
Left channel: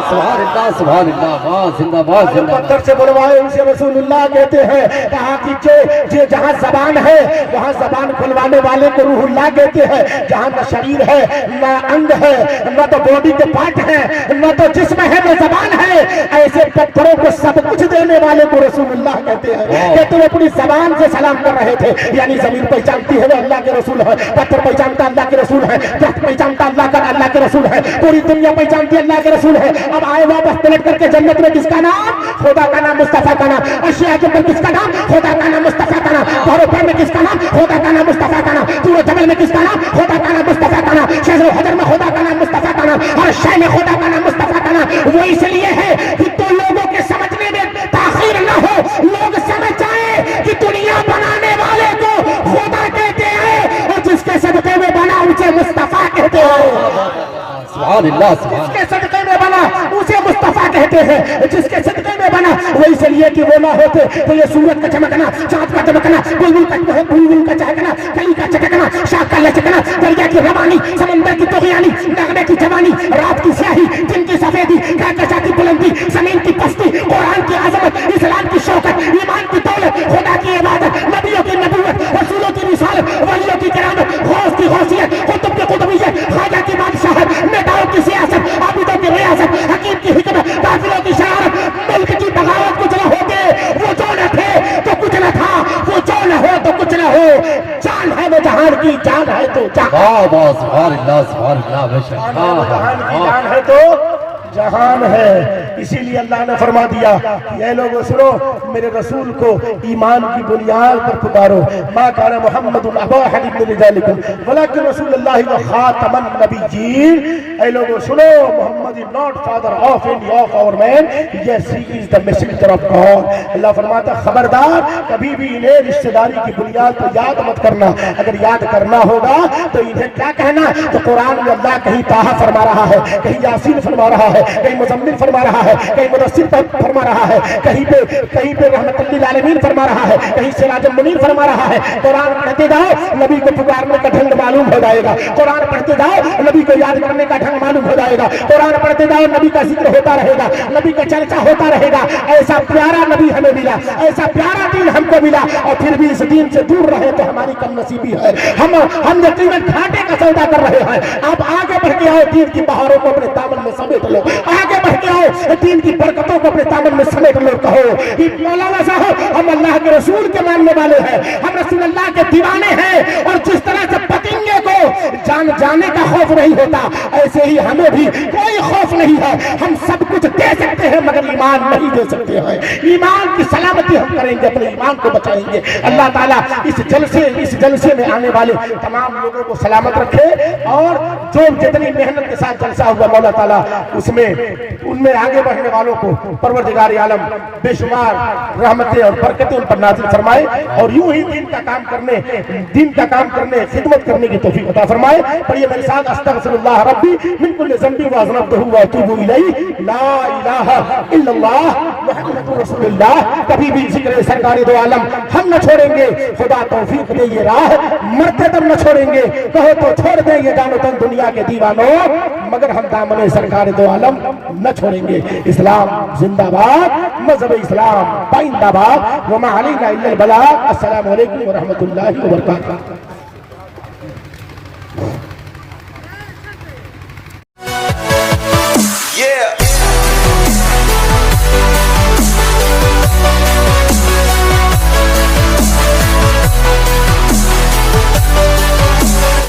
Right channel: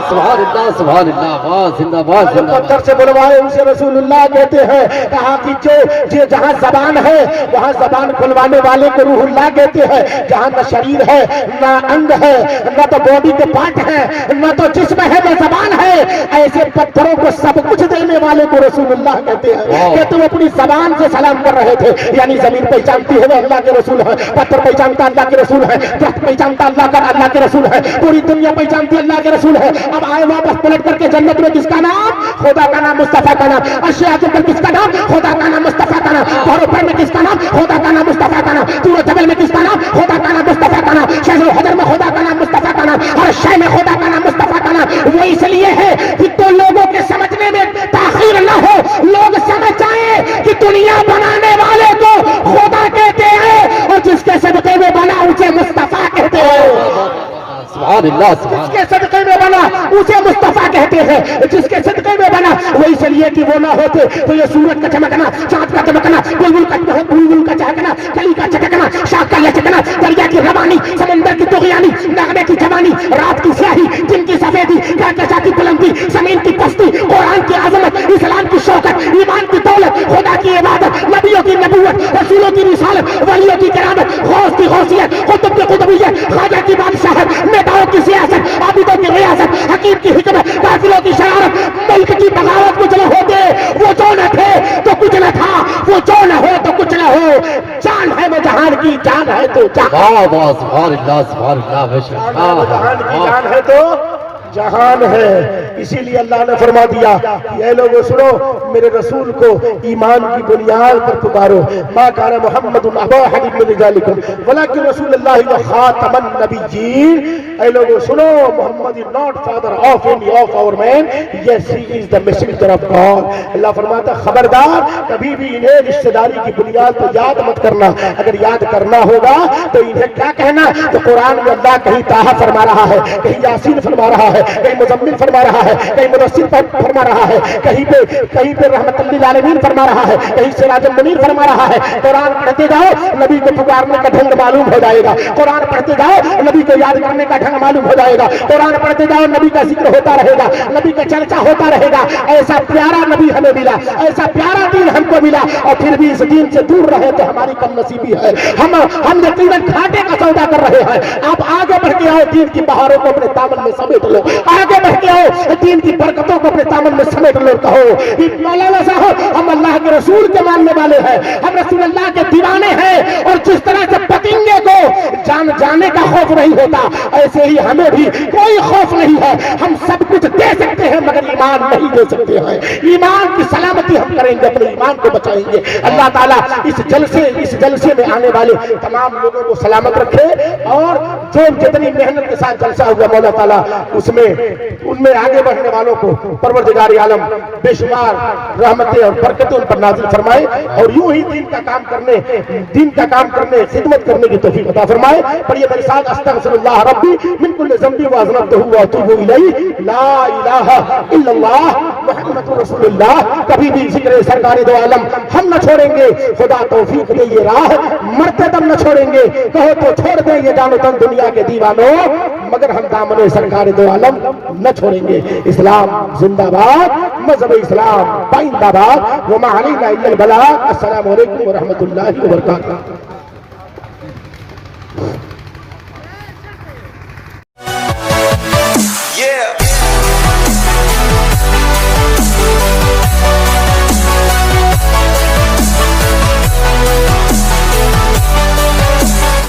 सुभान अल्लाह सुभान अल्लाह, वाह जिंदाबाद जिंदाबाद। पत्थर से बुलवाए उसे रसूलुल्लाह कहते हैं। कहा कि जो जहाँ जबान है वहाँ जबान खुलवाने वाले को रूहुल्लाह कहते हैं। जहाँ न शरीर है, न अंग है, न तो बॉडी के पार्ट है, न तो जिस्म है, न जबान है, ऐसे पत्थरों को सब कुछ देने वाले को रसूलुल्लाह कहते हैं। कि तुम अपनी जबान से सलाम कर रहे थे, यानी जमीन पहचानती है वो अल्लाह के रसूल है, पत्थर पहचानता अल्लाह के रसूल है, दरख्त पहचानता अल्लाह के रसूल है, पूरी दुनिया पहचानती अल्लाह के रसूल है। अब आए वापस पलट करके जन्नत में किसका नाम? खुदा का नाम, मुस्तफा का नाम। अशिया के ऊपर किसका नाम? खुदा का नाम, मुस्तफा का नाम। पर में किसका नाम? खुदा का नाम, मुस्तफा का नाम। सूरज जबल में किसका नाम? खुदा का नाम, मुस्तफा का नाम। शजर हजर में खुदा का नाम, मुस्तफा का नाम। हर शय में खुदा का नाम, मुस्तफा का नाम। वो इसलिए है कि तो लोगों के समझने में ताखीर न हो, लोग समझ जाए कि दुनिया बनाने वाले को खुदा कहते हैं और जिसके सदके में बना उसे मुस्तफा कहते हैं। जिसके सदके में बना उसे मुस्तफा कहते हैं, जिसके सदके में बना। वो इसलिए कि वो ना होते तो ये सूरज का चमकना, चांद का चमकना, बुलबुल का चहकना, कली का चटकना, शाख का लचकना, दरिया की रवानी, समंदर की तुगयानी, नगमे की जवानी, रात की स्याही, दिन की सफेदी, कहकशा की बुलंदी, जमीन की पस्ती, कुरान की आजमत, इस्लाम की शौकत, ईमान की दौलत, खुदा की इबादत, नबियों की नबूवत, रसूलों की रिसालत, वलियों की किरामत, गौस की गौसियत, कुतुब की कुतुबियत, ख्वाजा की बादशाहत, नेताओं की सियासत, आबिदों की रियासत, हकीम की हिकमत, काफिलों की शरारत, मुल्क की बगावत। कुछ न होते वो जो न थे तो कुछ न था, वो जो न हो तो कुछ न हो। जान है वो जहान की, जान है तो जहान है तो जहान है। इसीलिए अल्लाह ने फरमा दिया कि ये लोगों सुनो, मेरे रसूल को ईमान की बुनियाद पर पुकारो। मा कान मुहम्मदुन अबा अहदिम मिन रिजालिकुम वलाकिन रसूलुल्लाह व खातमन नबिय्यीन। ऐ लोगों सुनो, Mohammed is not father of any of our man, yes he is the messenger of God. अल्लाह फरमाता खबरदार कभी भी इन्हें रिश्तेदारी की बुनियाद पर याद मत करना। अगर याद करना होगा तो इन्हें क्या कहना? तो कुरान में अल्लाह कहीं ताहा फरमा रहा है, कहीं यासीन फरमा रहा है, कहीं मुज़म्मिल फरमा रहा है, कहीं मुदस्सिर फरमा रहा है, कहीं पे रहमतुल लिल आलमीन फरमा रहा है, कहीं सिराजुल मुनीर फरमा रहा है। कुरान पढ़ते जाओ, नबी को पुकारने का ढंग मालूम हो जाएगा। कुरान पढ़ते जाओ, नबी को याद करने का ढंग मालूम हो जाएगा। कुरान पढ़ते जाओ, नबी का जिक्र होता रहेगा, नबी का चर्चा होता रहेगा। ऐसा प्यारा नबी हमें मिला, ऐसा प्यारा दीन हमको मिला, और फिर भी इस दीन से दूर रहे तो हमारी कम नसीबी है। हम यकीनन घाटे का सौदा कर रहे हैं। आप आगे बढ़ के आओ, दीन की बहारों को अपने दामन में समेट लो। आगे बढ़ के आओ, दीन की बरकतों को अपने दामन में समेट लो। कहो मौलाना साहब, हम अल्लाह के रसूल के मानने वाले हैं, हम रसूल अल्लाह के दीवाने हैं। और जिस तरह से पतिंगे को जाने का खौफ नहीं होता, ऐसे ही हमें भी कोई खौफ नहीं है। हम सब कुछ दे सकते हैं मगर ईमान नहीं दे सकते हैं। ईमान की सलामती हम करेंगे, अपने ईमान को बचाएंगे। अल्लाह ताला इस जलसे में आने वाले तमाम लोगों को सलामत रखे, और जो जितनी मेहनत के साथ जलसा हुआ मौला ताला उनमें आगे बढ़ने वालों को परवरदिगार आलम बेशुमार रहमतें और बरकतें उन पर नाज़िल फरमाए, और यूं ही दीन का काम करने खिदमत करने की तौफीक अता फरमाए। पढ़िए मेरे साथ, अस्तगफिरुल्लाह रब्बी मिन कुल्लि ज़ंबि व अज़नबतहु व अतूबु इलैहि, ला इलाहा इल्लल्लाह मुहम्मदुर रसूलुल्लाह। कभी भी जिक्र सरकारी दो आलम हम न छोड़ेंगे, खुदा तौफीक दे ये राह, मरते दम न छोड़ेंगे। कहो तो छोड़ देंगे जानो तन दुनिया के दीवानों, मगर हम दामन सरकार दो आलम न छोड़ेंगे। इस्लाम जिंदाबाद, मज़हब इस्लाम पाइंदाबाद। वमा अलैना इल्लल बलाग। अस्सलामु अलैकुम व रहमतुल्लाहि व बरकातहू।